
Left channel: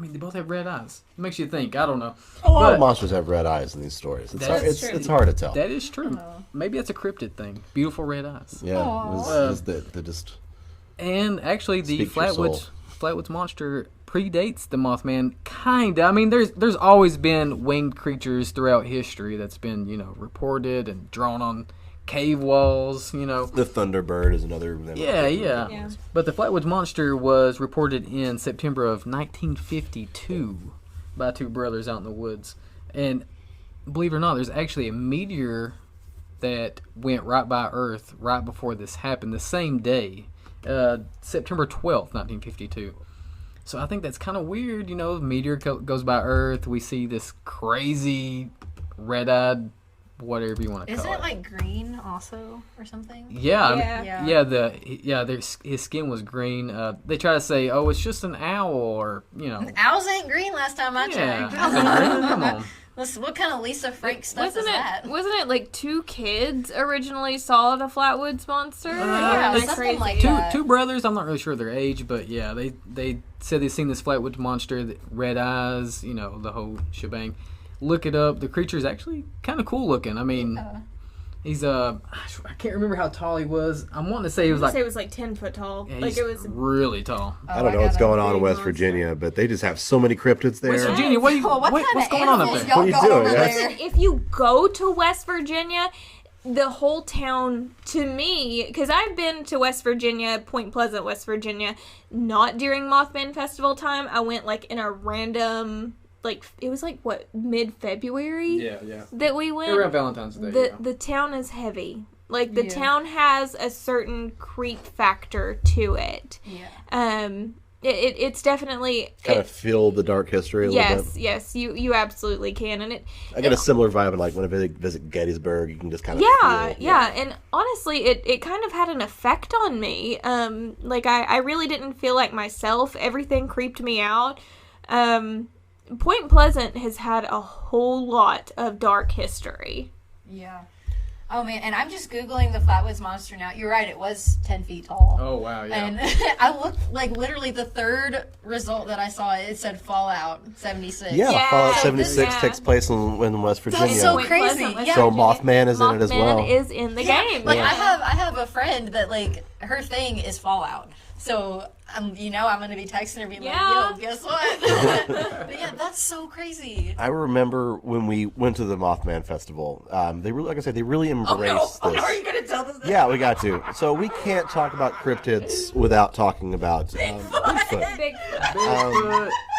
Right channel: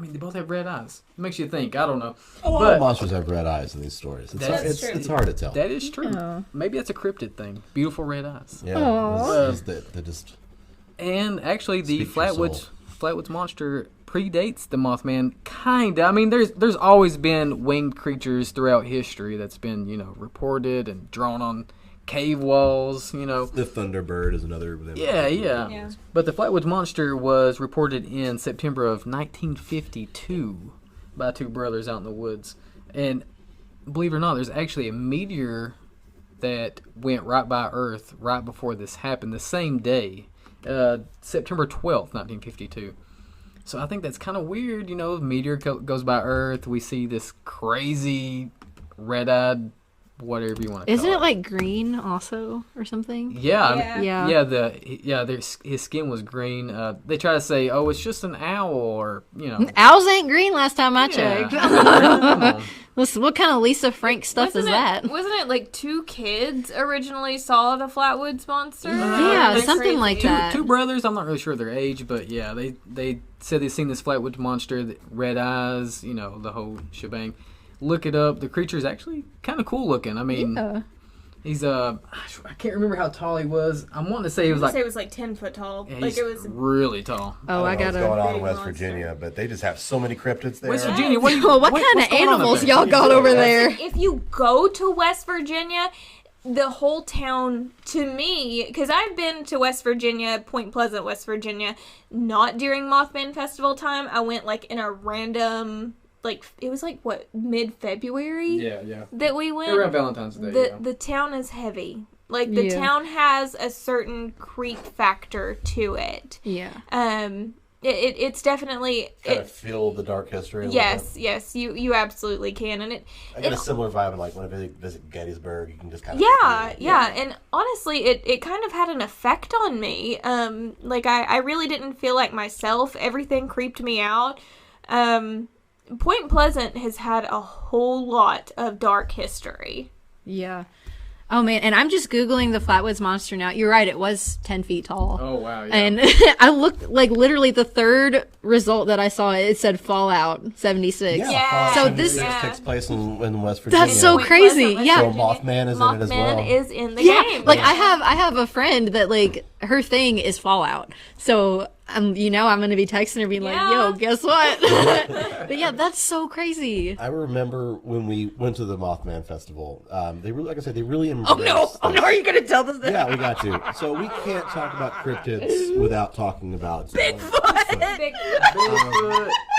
they both have red eyes. It makes you think. I don't know, All but monsters have red eyes in these stories. That's true. It's hard to tell. that is true. Maybe that's a cryptid thing. Beautiful red eyes. Yeah. They just And actually, the Speak your Flatwoods Monster predates the Mothman, kinda. There's always been winged creatures throughout history that's been, reported and drawn on cave walls, the Thunderbird is another example. Yeah. But the Flatwoods Monster was reported in September of 1952 by two brothers out in the woods. And believe it or not, there's actually a meteor that went right by Earth right before this happened, the same day. September 12th, 1952. So I think that's kind of weird, the meteor goes by Earth, we see this crazy red-eyed, whatever you want to call it. isn't it like green also or something? Yeah. His skin was green. They try to say, oh, it's just an owl, or Owls ain't green last time I yeah. checked. Come on. Listen, what kind of Lisa Frank stuff is that? Wasn't it like two kids originally saw the Flatwoods Monster? Yeah, Isn't that something like crazy? that. Two brothers. I'm not really sure their age, but yeah, they said they've seen this Flatwoods Monster, red eyes, the whole shebang. Look it up. The creature is actually kind of cool looking. He's I can't remember how tall he was. I'm wanting to say he was I like, say it was like 10 foot tall. yeah, Like he's it was. really tall. I don't know what's got going a on in big West monster. Virginia, but they just have so many cryptids there. West Virginia, what What kind what's of going on up animals there? y'all What are you got doing? over That's- there? If you go to West Virginia, the whole town, to me, because I've been to West Virginia, Point Pleasant, West Virginia, not during Mothman Festival time. I went like in a random, it was mid-February Yeah. that we went. Around Valentine's Day. The town is heavy. Like the Yeah. town has a certain creep factor to it. Yeah. it's definitely kind of feel the dark history a little yes, bit. yes, you absolutely can, and I get a similar vibe, like when I visit Gettysburg, you can just kind of yeah, and honestly, it kind of had an effect on me. Like I really didn't feel like myself. Everything creeped me out. Point Pleasant has had a whole lot of dark history. Yeah. Oh man, and I'm just Googling the Flatwoods Monster now. You're right, it was 10 feet tall. Oh wow, yeah. And I looked, like, literally the third result that I saw, it said Fallout 76. Yeah. Fallout So 76 this- takes place in West Virginia. That's so Point crazy. Pleasant, West Yeah. So Virginia. Mothman is in it as well. Mothman is in the Yeah, game. like yeah. I have a friend that, like, her thing is Fallout. So I'm gonna be texting her being Yeah. like, yo, guess what? But yeah, that's so crazy. I remember when we went to the Mothman Festival. They really, like I said, they really embraced. Are you gonna tell this? Yeah, we got to. So we can't talk about cryptids without talking about Bigfoot. Big,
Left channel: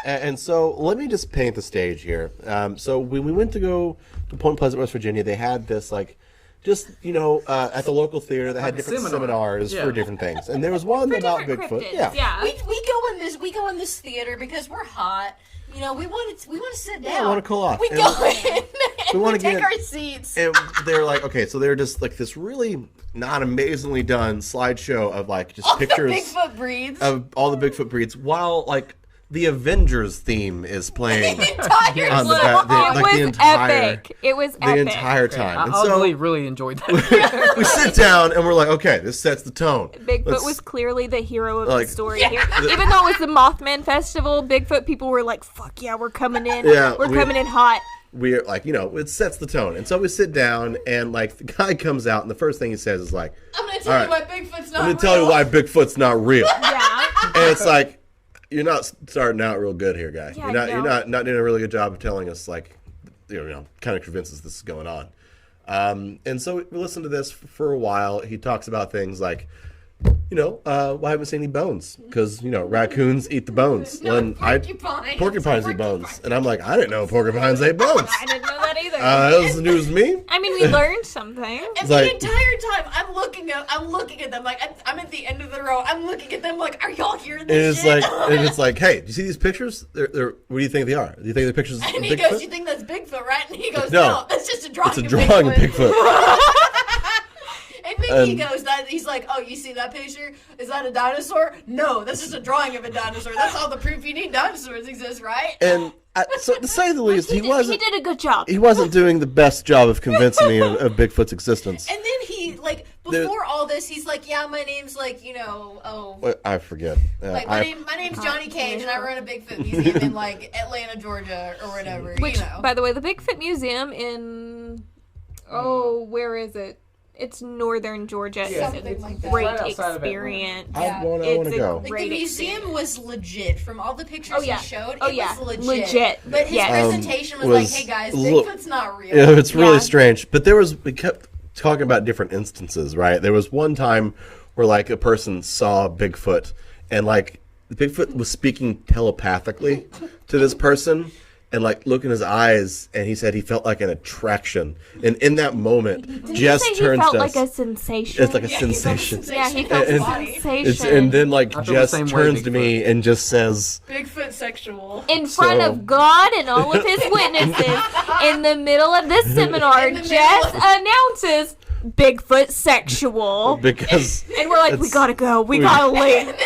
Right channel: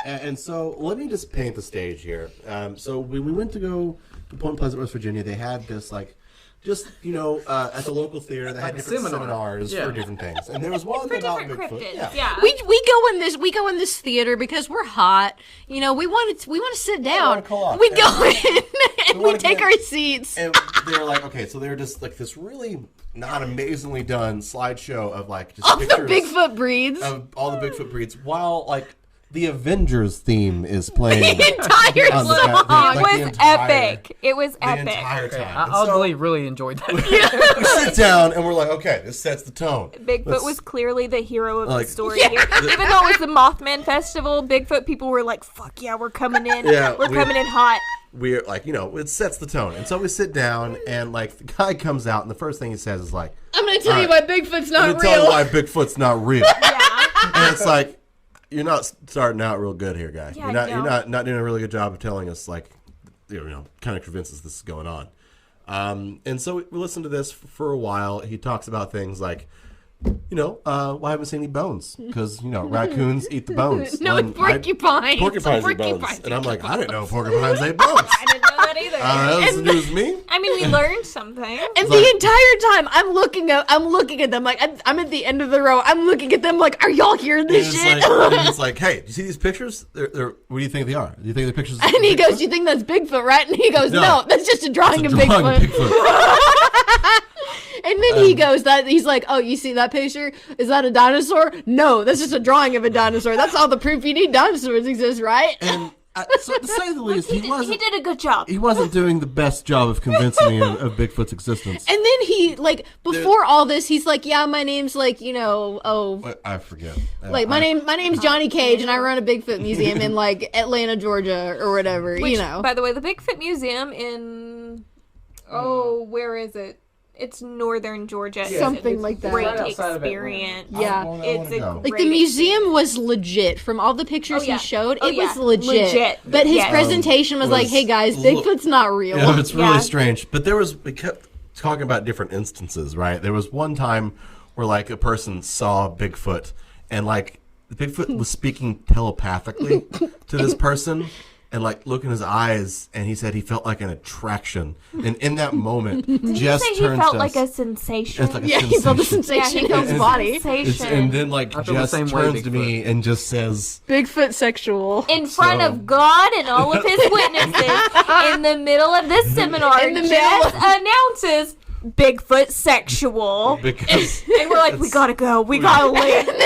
And so let me just paint the stage here. So when we went to go to Point Pleasant, West Virginia, they had this at the local theater, they had Like a different seminar. seminars Yeah. for different things, and there was one for about different Bigfoot. cryptids. Yeah. We go in this theater because we're hot. We want to sit down. we wanna cool off. We And go in and we wanna take get- our seats. And they're like, okay, so they're just like this really not amazingly done slideshow of like just All the pictures Bigfoot breeds. of all the Bigfoot breeds, while like the Avengers theme is playing. Entire on the slow. back- it like was the entire- epic. It was The epic. entire I time. And so oddly really enjoyed that. we sit down and we're like, okay, this sets the tone. Bigfoot Let's- was clearly the hero of like- the story here. Even though it was the Mothman Festival, Bigfoot people were like, fuck yeah, we're coming in. Yeah, we're coming in hot. we're like, it sets the tone. And so we sit down and like the guy comes out and the first thing he says is like, I'm gonna tell you why Bigfoot's not I'm real. gonna tell you why Bigfoot's not real. Yeah. And it's like, you're not starting out real good here, guy. Yeah, You're no. not doing a really good job of telling us like, kind of convinces this is going on. And so we listen to this for a while. He talks about things like, well, I haven't seen any bones because raccoons eat the bones. No, And porcupines. porcupines eat bones, Porcupines and I'm like, I didn't know porcupines ate bones. I didn't know that either. That was news to me. I mean, we learned something. And like- the entire time, I'm looking at them like I'm at the end of the row. I'm looking at them like, are y'all hearing And this it's shit? like, and it's like, hey, do you see these pictures? They're what do you think they are? Do you think the pictures? of And he Bigfoot? goes, "You think that's Bigfoot, right?" And he goes, No. "No, that's just a drawing, It's a of, drawing Bigfoot. of Bigfoot. And then he goes, he's like, "Oh, you see that picture? Is that a dinosaur? No, that's just a drawing of a dinosaur. That's all the proof you need. Dinosaurs exist, right?" And so to say the least, he He did a good job. He wasn't doing the best job of convincing me of Bigfoot's existence. And then he, like, before all this, he's like, "Yeah, my name's like, I forget. like my name's Johnny Cage, and I run a Bigfoot museum in like Atlanta, Georgia, or whatever. Which, you know." by the way, the Bigfoot Museum in where is it? It's northern Georgia. It's Something a like that. Great Right outside of experience. Atlanta. Yeah. I wanna It's a go. Like great the museum experience. was legit. From all the pictures yeah. he showed, Oh, it yeah. was legit. Legit. But his Yes. presentation was was like, "Hey guys, lo- Bigfoot's not real." It's really Yeah. strange. But we kept talking about different instances, right? There was one time where like a person saw Bigfoot and like Bigfoot was speaking telepathically to this person and like look in his eyes, and he said he felt like an attraction. And in that moment, Did you Jess say he turns felt to like us. a sensation? It's like a Yeah, he felt the sensation. yeah, sensation he in felt his a body. sensation. And then like I feel the Jess same way, turns to me and just says, Bigfoot sexual. in front So- of God and all of his witnesses, in the middle of this seminar, In the Jess announces Bigfoot sexual. because And we're like, we gotta go. We gotta leave. And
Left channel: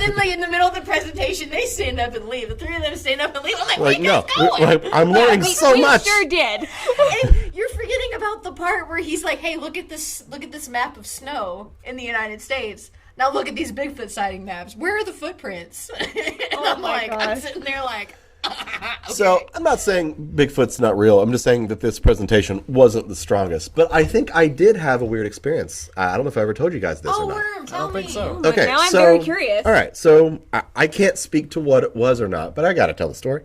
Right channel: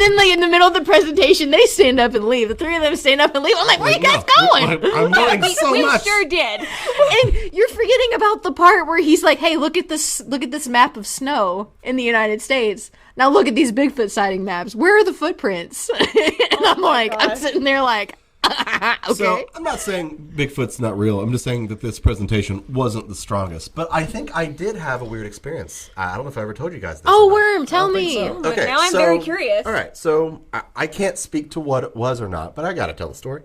then like in the middle of the presentation, they stand up and leave. The three of them stand up and leave. I'm like, "Where like, you guys no, going?" I'm learning we so much. sure did. And you're forgetting about the part where he's like, "Hey, look at this map of snow in the United States. Now look at these Bigfoot sighting maps. Where are the footprints?" And I'm my like, I'm gosh. sitting there like, okay. So I'm not saying Bigfoot's not real. I'm just saying that this presentation wasn't the strongest. But I think I did have a weird experience. I don't know if I ever told you guys this. Oh, or not. Worm, tell think me. so. But now I'm very curious. All right, so I can't speak to what it was or not, but I got to tell the story.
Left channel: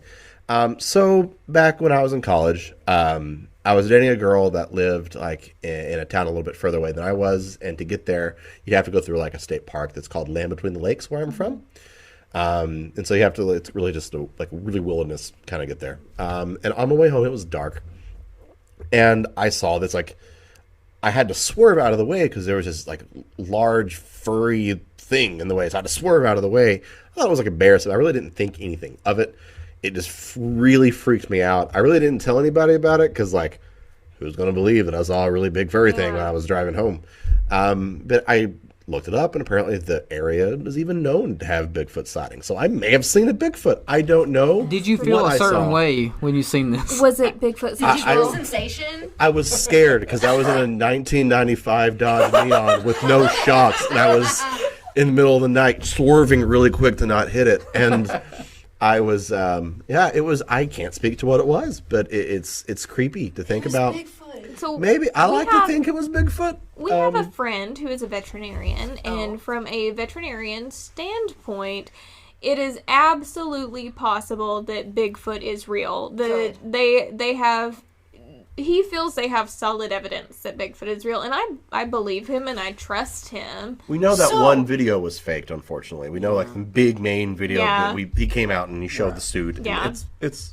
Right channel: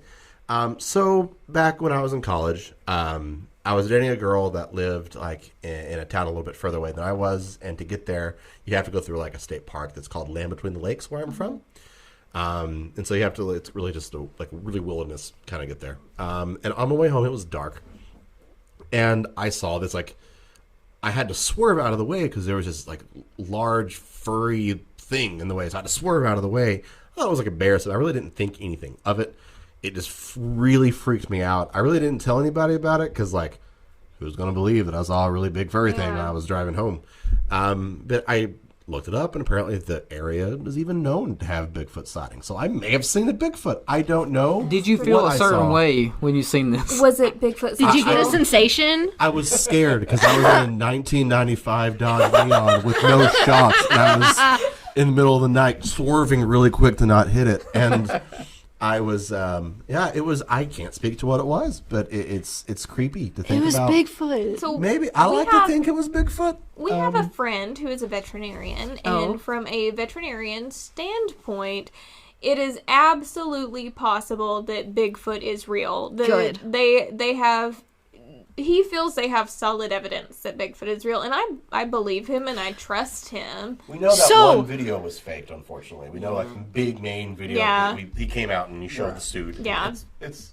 So back when I was in college, I was dating a girl that lived like in a town a little bit further away than I was, and to get there, you have to go through like a state park that's called Land Between the Lakes, where I'm from. And so you have to, it's really just like really wilderness kind of get there. And on my way home, it was dark. And I saw this, like, I had to swerve out of the way because there was this like large, furry thing in the way, so I had to swerve out of the way. I thought it was like a bear, so I really didn't think anything of it. It just really freaked me out. I really didn't tell anybody about it because, like, who's going to believe that I saw a really big furry thing when I was driving home? But I looked it up, and apparently the area is even known to have Bigfoot sightings. So I may have seen a Bigfoot. I don't know. Did you feel a certain way when you seen this? Was it Bigfoot? Did you get a sensation? I was scared because I was in a 1995 Dodge Neon with no shocks, and I was in the middle of the night swerving really quick to not hit it. And I was, it was, I can't speak to what it was, but it's creepy to think about. It was Bigfoot. So Maybe, I like to think it was Bigfoot. We have a friend who is a veterinarian, and from a veterinarian standpoint, it is absolutely possible that Bigfoot is real. Good. They have. He feels they have solid evidence that Bigfoot is real, and I believe him and I trust him. We know that So- one video was faked, unfortunately. We know, like, the big main video Yeah. that he came out and he showed the suit. and Yeah. It's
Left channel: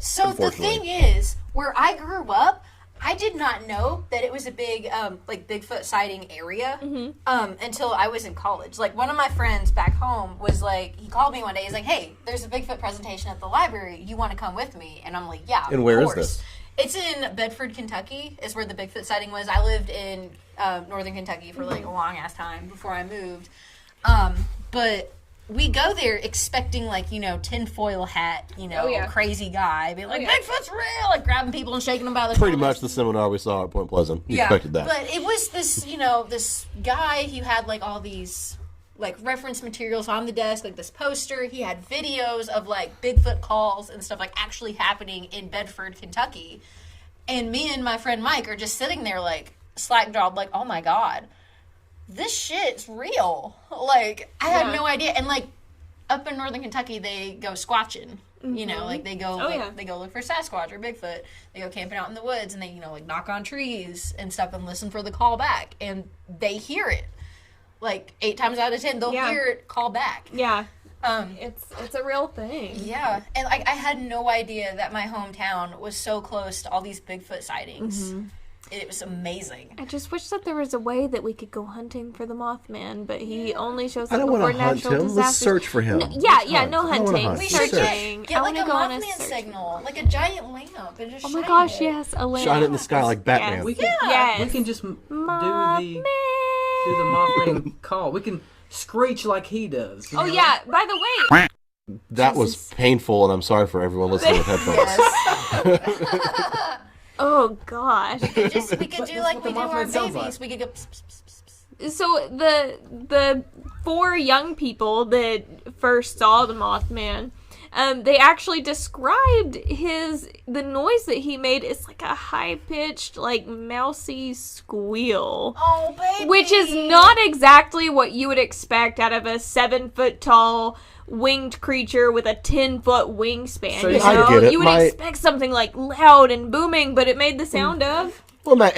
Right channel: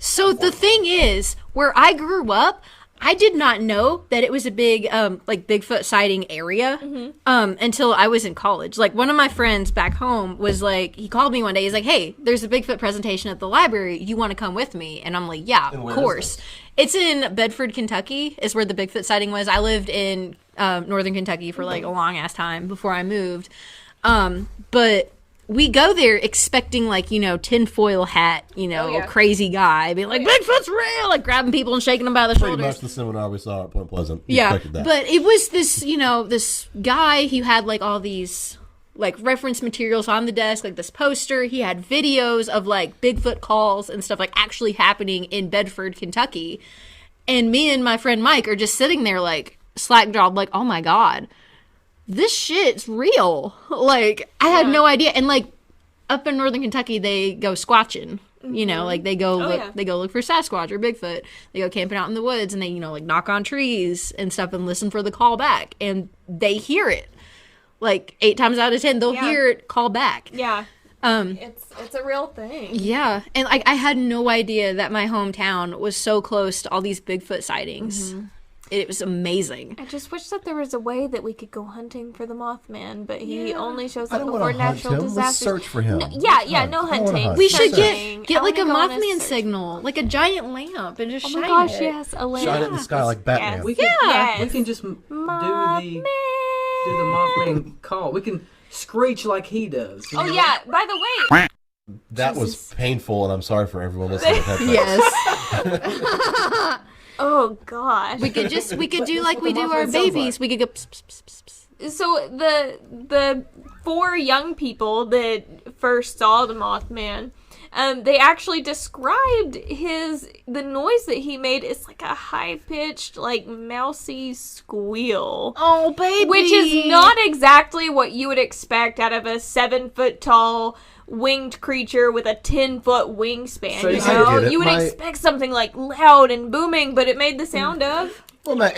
So the thing is, where I grew up, I did not know that it was a big, like, Bigfoot sighting area until I was in college. Like, one of my friends back home was like, he called me one day. He's like, hey, there's a Bigfoot presentation at the library. You want to come with me? And I'm like, yeah, And where of is course. this? It's in Bedford, Kentucky, is where the Bigfoot sighting was. I lived in northern Kentucky for, like, a long-ass time before I moved. But we go there expecting, like, you know, tinfoil hat, you know, crazy guy. Being like, Bigfoot's real! Like, grabbing people and shaking them by the pretty shoulders. much the seminar we saw at Point Pleasant. We Yeah, expected that. but it was this, you know, this guy who had, like, all these, like, reference materials on the desk, like this poster. He had videos of, like, Bigfoot calls and stuff, like, actually happening in Bedford, Kentucky. And me and my friend Mike are just sitting there, like, slack-jawed, like, oh my god, this shit's real. Like, I had no idea. And, like, up in northern Kentucky, they go squatching. You know, like, they go they go look for Sasquatch or Bigfoot. They go camping out in the woods, and they, you know, like, knock on trees and stuff and listen for the call back. And they hear it. Like, 8 times out of 10, they'll hear it call back. Yeah. It's a real thing. Yeah. And, like, I had no idea that my hometown was so close to all these Bigfoot sightings. It was amazing. I just wish that there was a way that we could go hunting for the Mothman, but he only shows I up don't before wanna hunt natural him. Let's disasters. search for him. No, no hunting. hunt. We should Searching. get I like a wanna go on Mothman search. signal, like a giant lamp, and just Oh shine my gosh, it. yes, a lamp. Shine in the sky like Batman. Yes. We can, Yes. we can just do the Mothman. Mothman call. We can screech like he does. you Oh know? yeah, by the way, That was painful, and I'm sorry for everyone listening. Yes. oh gosh. we could do like we the do our Mothman sounds babies. like. We could go. Pss, pss, pss, pss, pss. So the 4 young people that first saw the Mothman, they actually described the noise that he made as like a high pitched, like mousy squeal. Oh baby. Which is not exactly what you would expect out of a 7-foot tall winged creature with a 10-foot wingspan. So you I know, get it. you would expect something like loud and booming, but it made the sound of. Well, my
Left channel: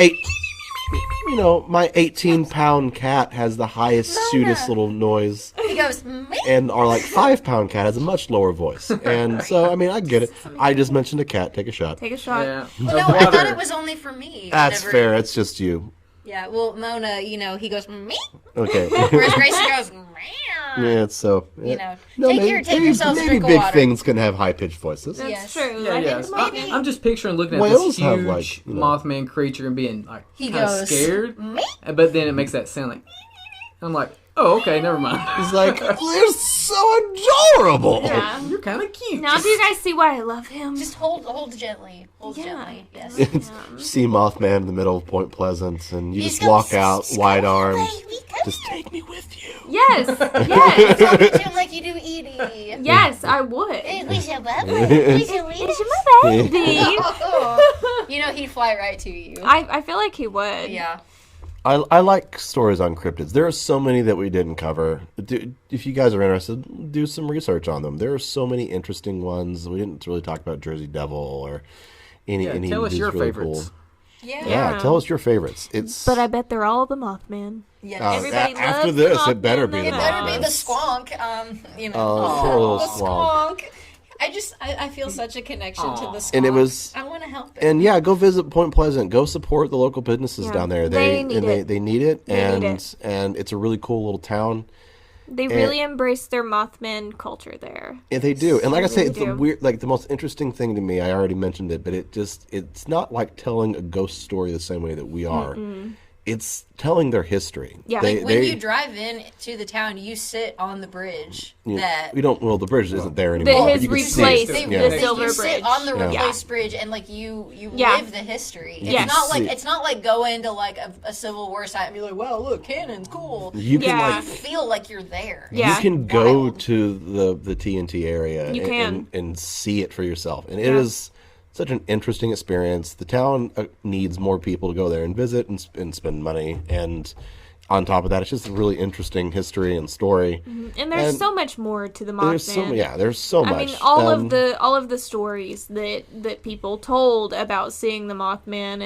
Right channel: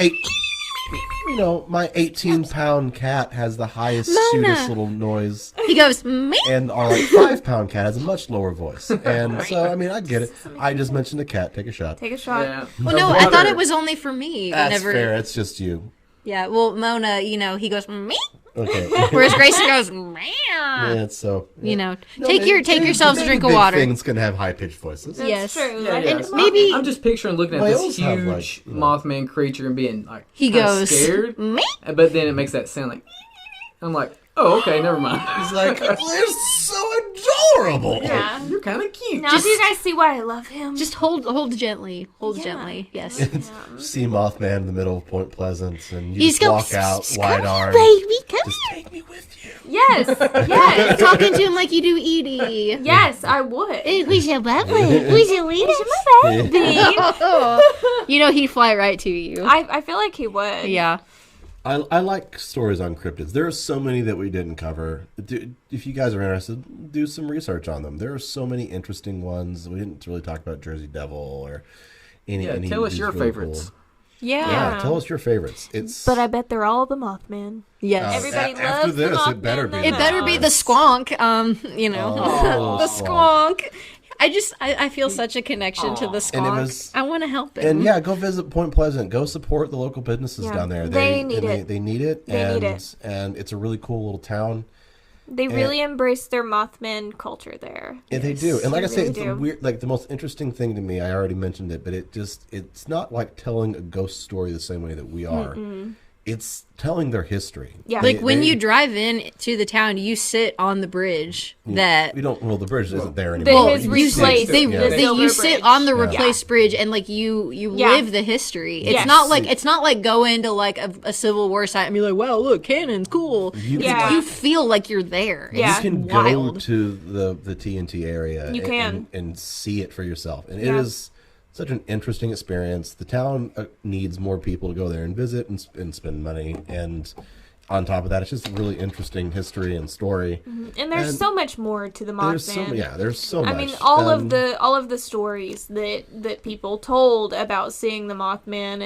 18-pound cat has the highest, Mona. sweetest little noise, He goes. "Meh." and our 5-pound cat has a much lower voice. And so, I mean, I get it. I just mentioned a cat. Take a shot. Take a shot. Yeah. Well, no, I thought it was only for me. That's Whenever- fair. It's just you. Yeah. Well, Mona, you know, he goes. "Meh." Okay. Whereas Grayson goes. "Meow." Yeah, it's so. Yeah. You know, No, take maybe yourselves a drink of big water. Things can have high-pitched voices. That's Yes. true. Yeah, I yeah. think Maybe- I'm just picturing looking at this Whales have, like, huge you know- Mothman creature and being like He kinda goes. scared, "Meh." but then it makes that sound like. I'm like, oh, okay, never mind. It's like, they're so adorable. Yeah. You're kind of cute. Now do you guys see why I love him? Just hold gently. Hold Yeah. gently. Yes. See Mothman in the middle of Point Pleasant, and you He's just go, walk out wide-armed. Baby, come Just take me with you. Yes. Yes. Talking to him like you do Edie. Yes, I would. We should love it. We should leave Baby. You know he'd fly right to you. I feel like he would. Yeah. I like stories on cryptids. There are so many that we didn't cover. If you guys are interested, do some research on them. There are so many interesting ones. We didn't really talk about Jersey Devil or any. Yeah, any tell us of your these really favorites. cool- Yeah. Yeah, tell us your favorites. It's But I bet they're all the Mothman. Yes. Everybody after loves this, the Mothman. it better be. It better be the squonk. You know, the squonk. I feel such a connection to the squonk. And it was- I want to help it. And yeah, go visit Point Pleasant. Go support the local businesses Yeah. down there. They need it. They need it. They and, need it. And it's a really cool little town. They really embrace their Mothman culture there. Yeah, they do. And like I They say, really it's do. a weird, like the most interesting thing to me, I already mentioned it, but it's not like telling a ghost story the same way that we are. It's telling their history. Yeah. Like when you drive in to the town, you sit on the bridge that we don't. Well, the bridge isn't there anymore. His You can see replaced it. the silver you bridge. sit on the Yeah. replaced bridge and like you Yeah. live the history. It's Yes. not like going to like a Civil War site and be like, wow, look, cannon's cool. You Yeah. You feel like you're there. Yeah. You can wild. go to the TNT area. You can. and see it for yourself, and Yeah. it is such an interesting experience. The town needs more people to go there and visit and spend money. And on top of that, it's just a really interesting history and story. And there's so much more to the Mothman. There's so much. I mean, all of the stories that people told about seeing the Mothman,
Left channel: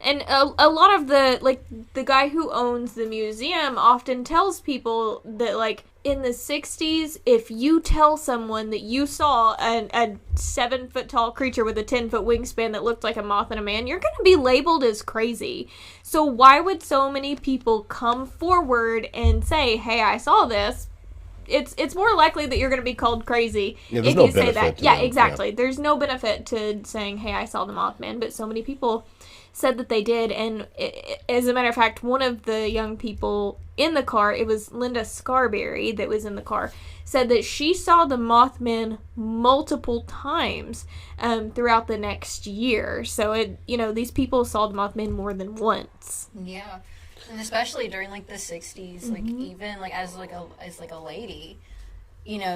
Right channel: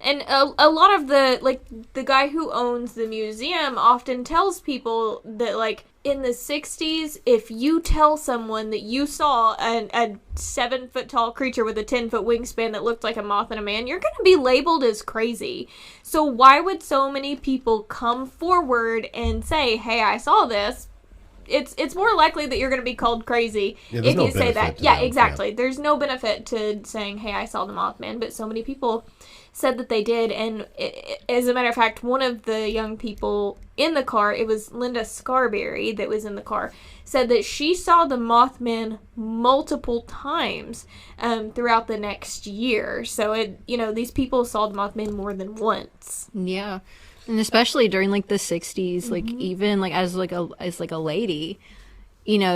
and a lot of the guy who owns the museum often tells people that, like, in the 60s, if you tell someone that you saw a 7-foot tall creature with a 10-foot wingspan that looked like a moth and a man, you're going to be labeled as crazy. So why would so many people come forward and say, hey, I saw this? It's more likely that you're going to be called crazy there's if no you say that. benefit to Yeah, that, exactly. There's no benefit to saying, hey, I saw the Mothman, but so many people said that they did. And as a matter of fact, one of the young people in the car, it was Linda Scarberry that was in the car, said that she saw the Mothman multiple times throughout the next year. So these people saw the Mothman more than once. Yeah. And especially during like the 60s, like even like as a lady,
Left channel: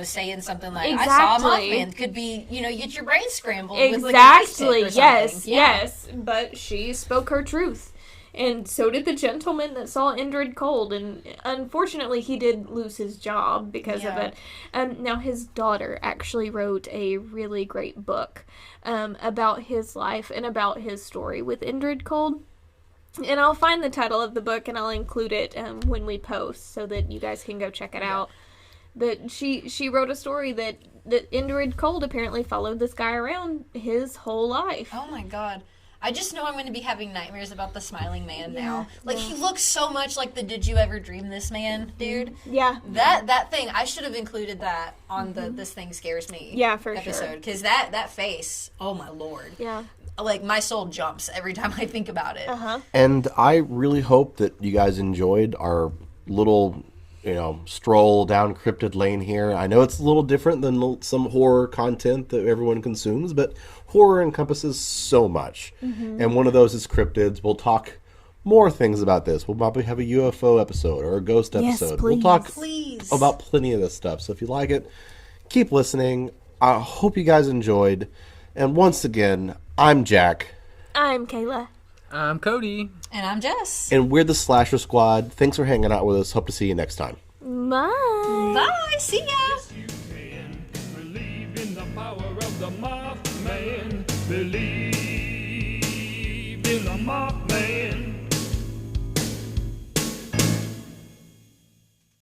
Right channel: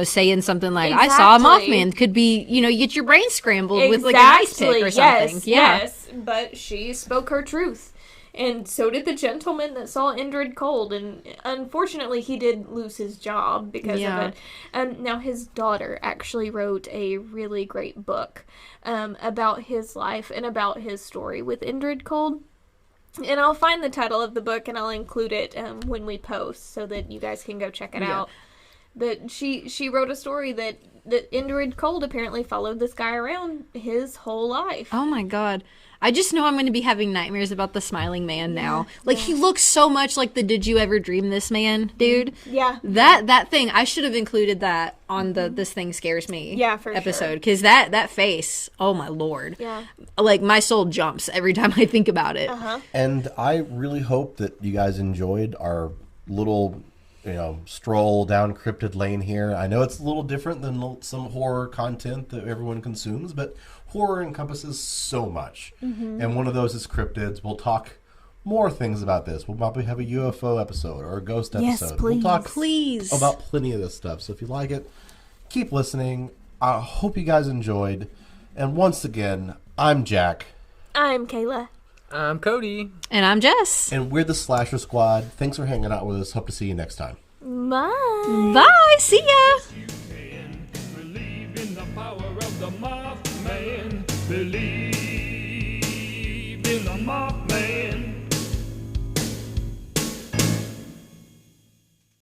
saying something like I saw a Exactly. Mothman could be, you get your brain scrambled with like a Exactly. nice tick or something. Yes. Yeah. Yes. But she spoke her truth. And so did the gentleman that saw Indrid Cold. And unfortunately, he did lose his job because of Yeah. it. Now, his daughter actually wrote a really great book about his life and about his story with Indrid Cold. And I'll find the title of the book and I'll include it when we post so that you guys can go check it out. But she wrote a story that Indrid Cold apparently followed this guy around his whole life. Oh my god. I just know I'm going to be having nightmares about the smiling man now. Like he looks so much like the Did You Ever Dream This Man, dude. Yeah. That thing, I should have included that on the This Thing Scares Me Yeah, for episode. sure. Because that face, oh my lord. Yeah. Like my soul jumps every time I think about it. And I really hope that you guys enjoyed our little, stroll down Cryptid Lane here. I know it's a little different than some horror content that everyone consumes, but horror encompasses so much. And one of those is Cryptids. We'll talk more things about this. We'll probably have a UFO episode or a ghost Yes, episode. please. We'll talk Please. about plenty of this stuff. So if you like it, keep listening. I hope you guys enjoyed. And once again, I'm Jack. I'm Kayla. I'm Cody. And I'm Jess. And we're the Slasher Squad. Thanks for hanging out with us. Hope to see you next time. Bye. Bye. See ya. You can believe in the power of the mind.